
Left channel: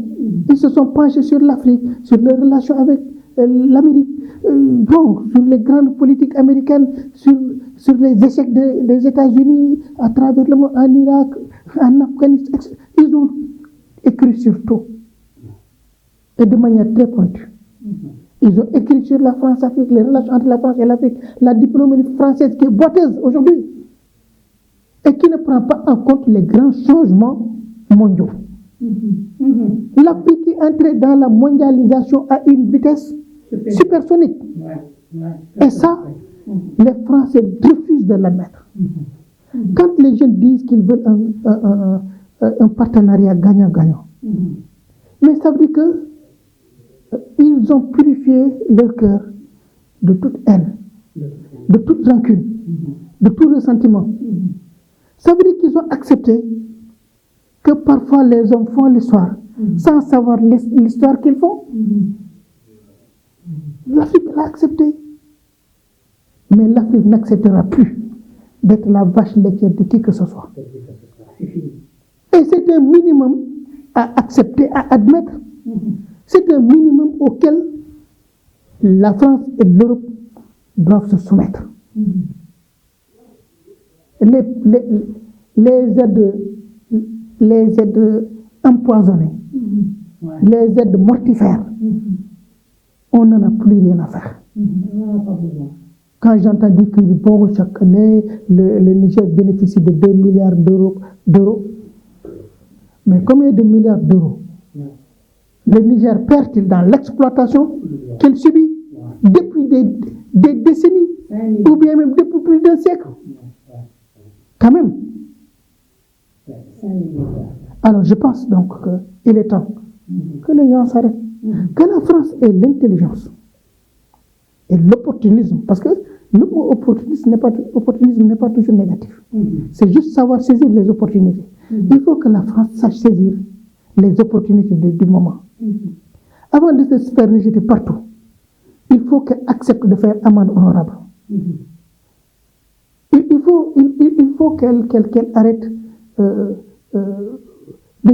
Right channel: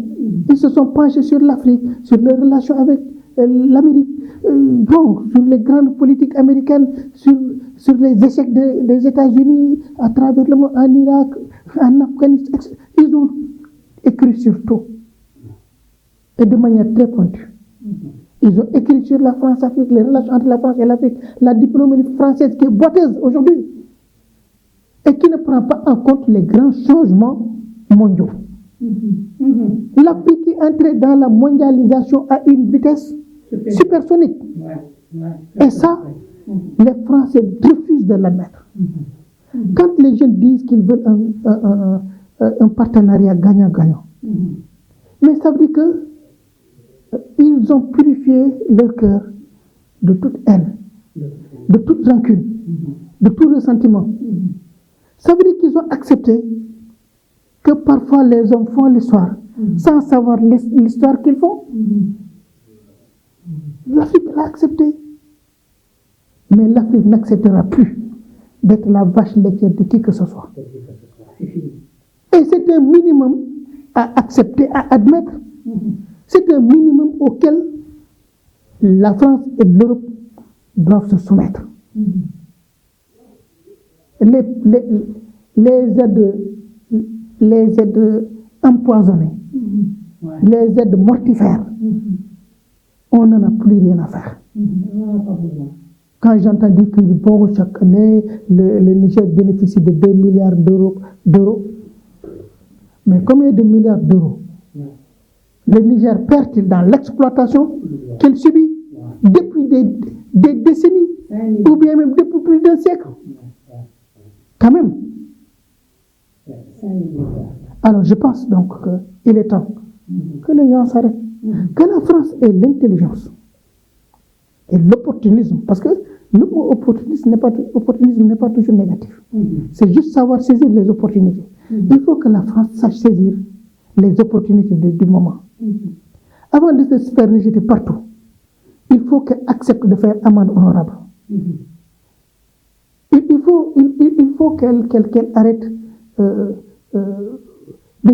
Ils se sont penchés sur l'Afrique, sur les relations avec l'Amérique, sur les grandes politiques américaines, sur les échecs des États-Unis à travers le monde, en Irak, en Afghanistan, etc. Ils ont écrit sur tout, et de manière très pointue. Ils ont écrit sur la France-Afrique, les relations entre la France et l'Afrique, la diplomatie française qui est boiteuse aujourd'hui, et qui ne prend pas en compte les grands changements mondiaux. L'Afrique est entrée dans la mondialisation à une vitesse supersonique. Et ça, les Français refusent de l'admettre. Quand les jeunes disent qu'ils veulent un partenariat gagnant-gagnant, mais ça veut dire qu'ils ont purifié leur cœur de toute haine, de toute rancune, de tout ressentiment. Ça veut dire qu'ils ont accepté que parfois les hommes font l'histoire sans savoir l'histoire qu'ils font. L'Afrique l'a accepté. Mais l'Afrique n'acceptera plus d'être la vache laitière de qui que ce soit. Et c'est un minimum à accepter, à admettre. C'est un minimum auquel la France et l'Europe doivent se soumettre. Les aides empoisonnées, les aides mortifères, on n'en a plus rien à faire. Quand j'entends dire que bon, chaque année, le Niger bénéficie de 2 milliards d'euros, mais combien de milliards d'euros le Niger perd-il dans l'exploitation qu'il subit depuis des décennies, ou bien même depuis plus d'un siècle? Quand même. Alors je pense donc qu'il est temps que les gens s'arrêtent, que la France ait l'intelligence et l'opportunisme, parce que le mot opportunisme n'est pas toujours négatif. C'est juste savoir saisir les opportunités. Il faut que la France sache saisir les opportunités du moment. Avant de se faire rejeter partout, il faut qu'elle accepte de faire amende honorable. Il faut qu'elle arrête de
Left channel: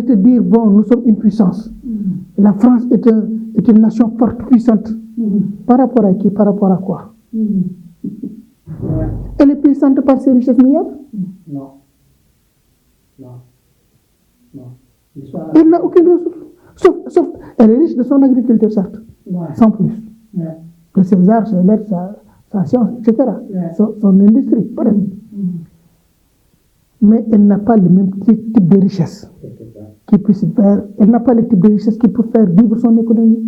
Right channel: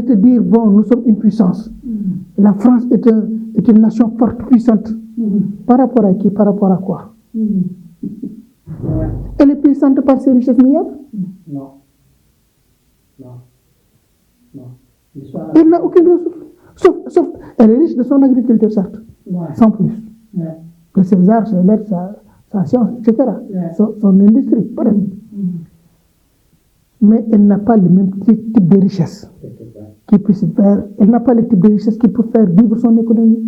se dire, bon, nous sommes une puissance. La France est une nation forte, puissante. Par rapport à qui? Par rapport à quoi? Elle est puissante par ses richesses minières? Non. Elle n'a aucune ressource. Sauf, elle est riche de son agriculture, certes, sans plus. De ses arts, ses lettres, sa science, etc. Son industrie, peut-être. Mais elle n'a pas le même type de richesse qui peut se faire. Elle n'a pas le type de richesse qui peut faire vivre son économie,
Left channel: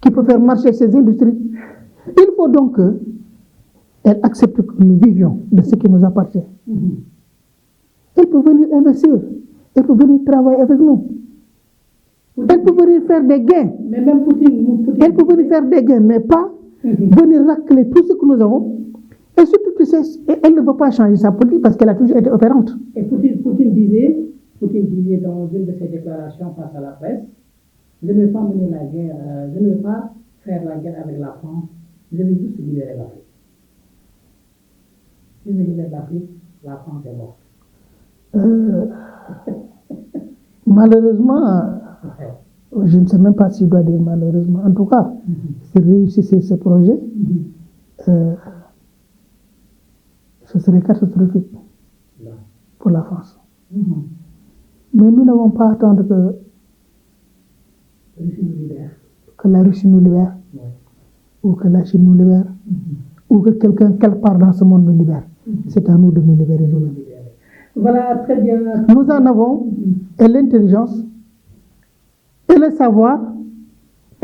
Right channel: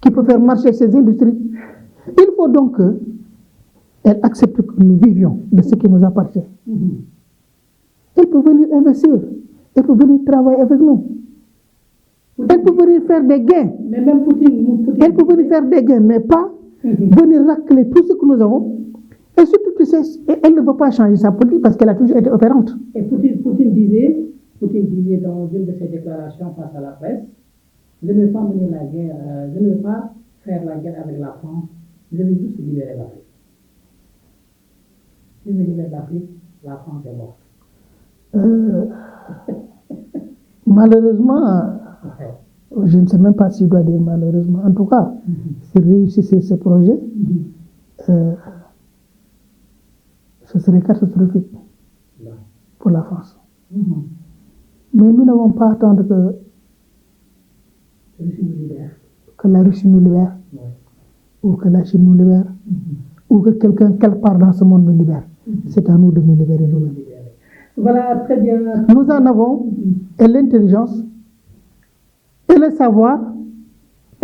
qui peut faire marcher ses industries. Il faut donc qu'elle accepte que nous vivions de ce qui nous appartient. Elle peut venir investir, elle peut venir travailler avec nous. Elle peut venir faire des gains. Mais même Poutine. Elle peut venir faire des gains, mais pas venir racler tout ce que nous avons. Et surtout, tu sais, elle ne veut pas changer sa politique parce qu'elle a toujours été opérante. Et Poutine disait dans une de ses déclarations face à la presse, je ne veux pas mener la guerre, je ne veux pas faire la guerre avec la France, je veux juste libérer l'Afrique. Si je libère l'Afrique, la France est morte. Malheureusement, je ne sais même pas si je dois dire malheureusement, en tout cas, s'il réussissait ce projet, ce serait catastrophique pour la France. Mais nous n'avons pas à attendre que la Russie nous libère, ou que la Chine nous libère, ou que quelqu'un, quelque part dans ce monde nous libère. C'est à nous de nous libérer nous-mêmes. Voilà, très bien. Nous en avons et l'intelligence, et le savoir,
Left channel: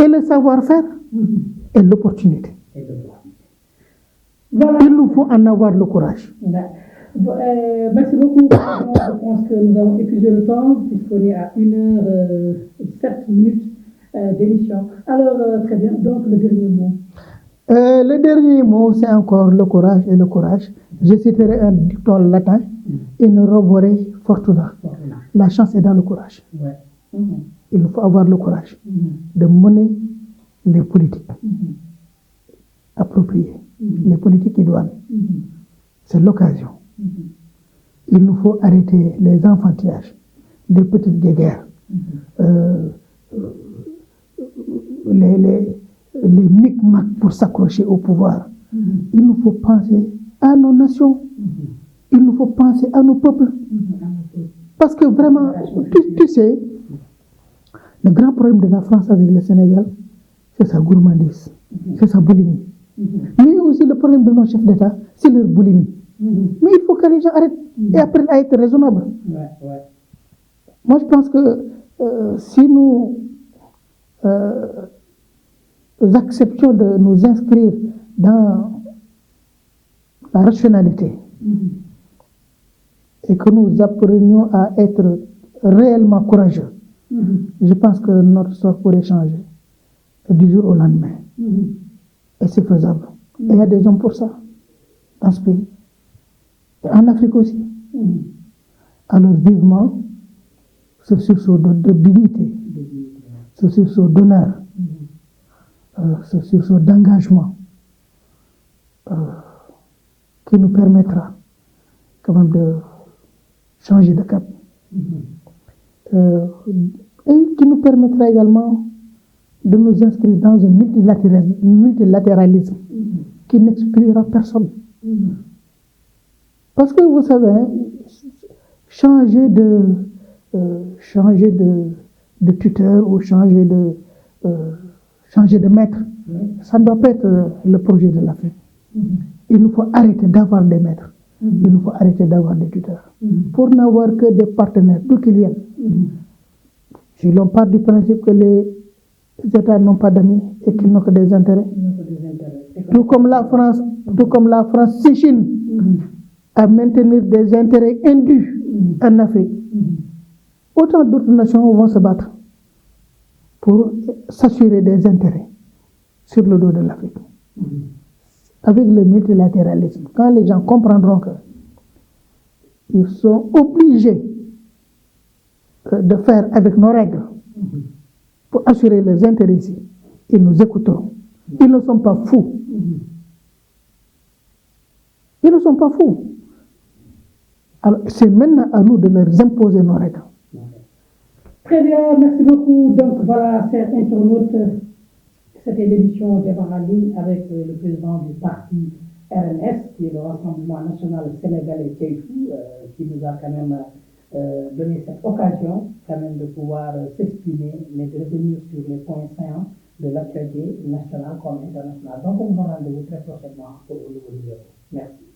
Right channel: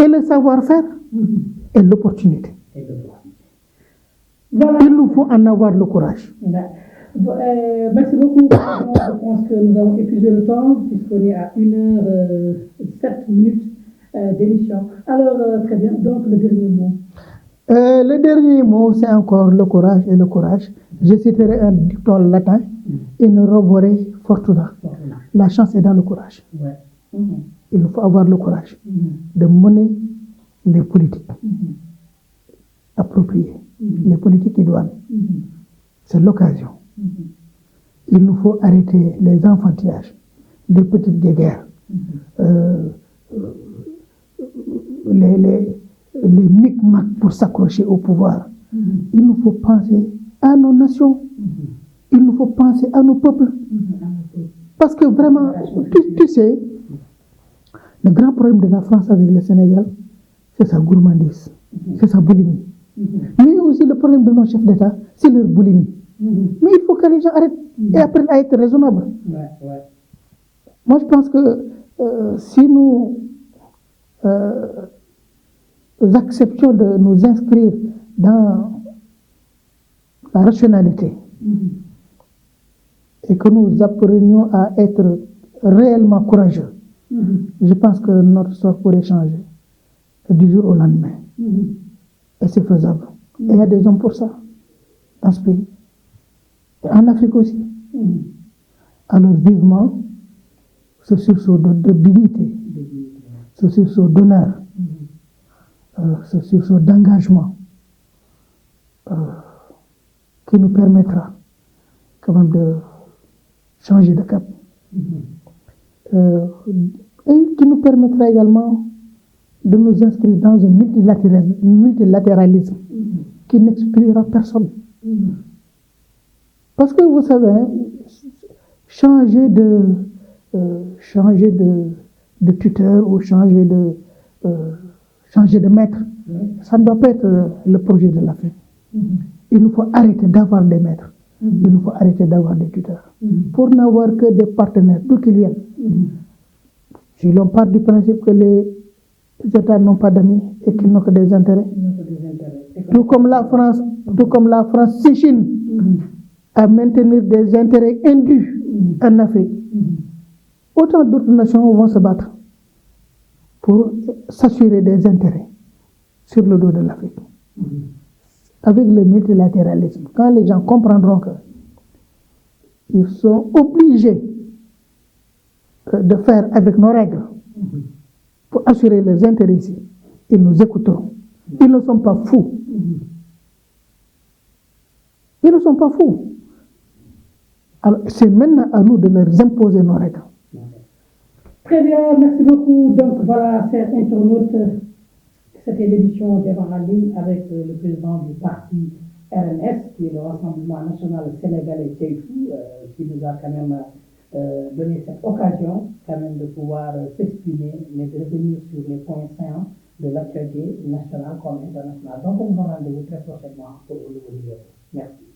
et le savoir-faire, et l'opportunité. Voilà. Il nous faut en avoir le courage. Merci beaucoup. Je pense que nous avons épuisé le temps, puisqu'on est à 1h07 d'émission. Alors, très bien. Donc, le dernier mot. Le dernier mot, c'est encore le courage et le courage. Je citerai un dicton latin, in robore fortuna. La chance est dans le courage. Il faut avoir le courage de mener les politiques appropriées, les politiques idoines. C'est l'occasion. Il nous faut arrêter les enfantinages, les petites guerres, les micmacs pour s'accrocher au pouvoir. Il nous faut penser à nos nations. Il nous faut penser à nos peuples. Parce que vraiment, tu sais, le grand problème de la France avec le Sénégal, c'est sa gourmandise, c'est sa boulimie. Mais aussi le problème de nos chefs d'État, c'est leur boulimie. Mais il faut que les gens arrêtent et apprennent à être raisonnables. Moi, je pense que si nous acceptions de nous inscrire dans la rationalité et que nous apprenions à être réellement courageux, je pense que notre sort pourrait changer du jour au lendemain. Et c'est faisable. Et il y a des hommes pour ça, dans ce pays. En Afrique aussi. Alors vivement ce sursaut de dignité, ce sursaut d'honneur, ce sursaut d'engagement qui nous permettra quand même de changer de cap. Et qui nous permettra également de nous inscrire dans un multilatéralisme qui n'exclura personne. Parce que vous savez, changer de tuteur ou changer de maître, ça ne doit pas être le projet de l'Afrique. Il nous faut arrêter d'avoir des maîtres. Il nous faut arrêter d'avoir des tuteurs. Pour n'avoir que des partenaires, d'où qu'ils viennent. Si l'on part du principe que les États n'ont pas d'amis et qu'ils n'ont que des intérêts, tout comme la France s'échine à maintenir des intérêts indus en Afrique, autant d'autres nations vont se battre pour s'assurer des intérêts sur le dos de l'Afrique. Avec le multilatéralisme, quand les gens comprendront qu'ils sont obligés de faire avec nos règles pour assurer les intérêts ici, ils nous écouteront. Ils ne sont pas fous. Ils ne sont pas fous. Alors, c'est maintenant à nous de leur imposer nos règles. Très bien, merci beaucoup. Donc voilà, chers internautes, c'était l'édition des Marali avec le président du parti RNS, qui est le Rassemblement National Sénégalais Keïtou, qui nous a quand même donné cette occasion quand même de pouvoir s'exprimer, mais de revenir sur les points saillants de l'actualité nationale comme internationale. Donc on vous donne rendez-vous très prochainement pour le nouveau numéro. Merci.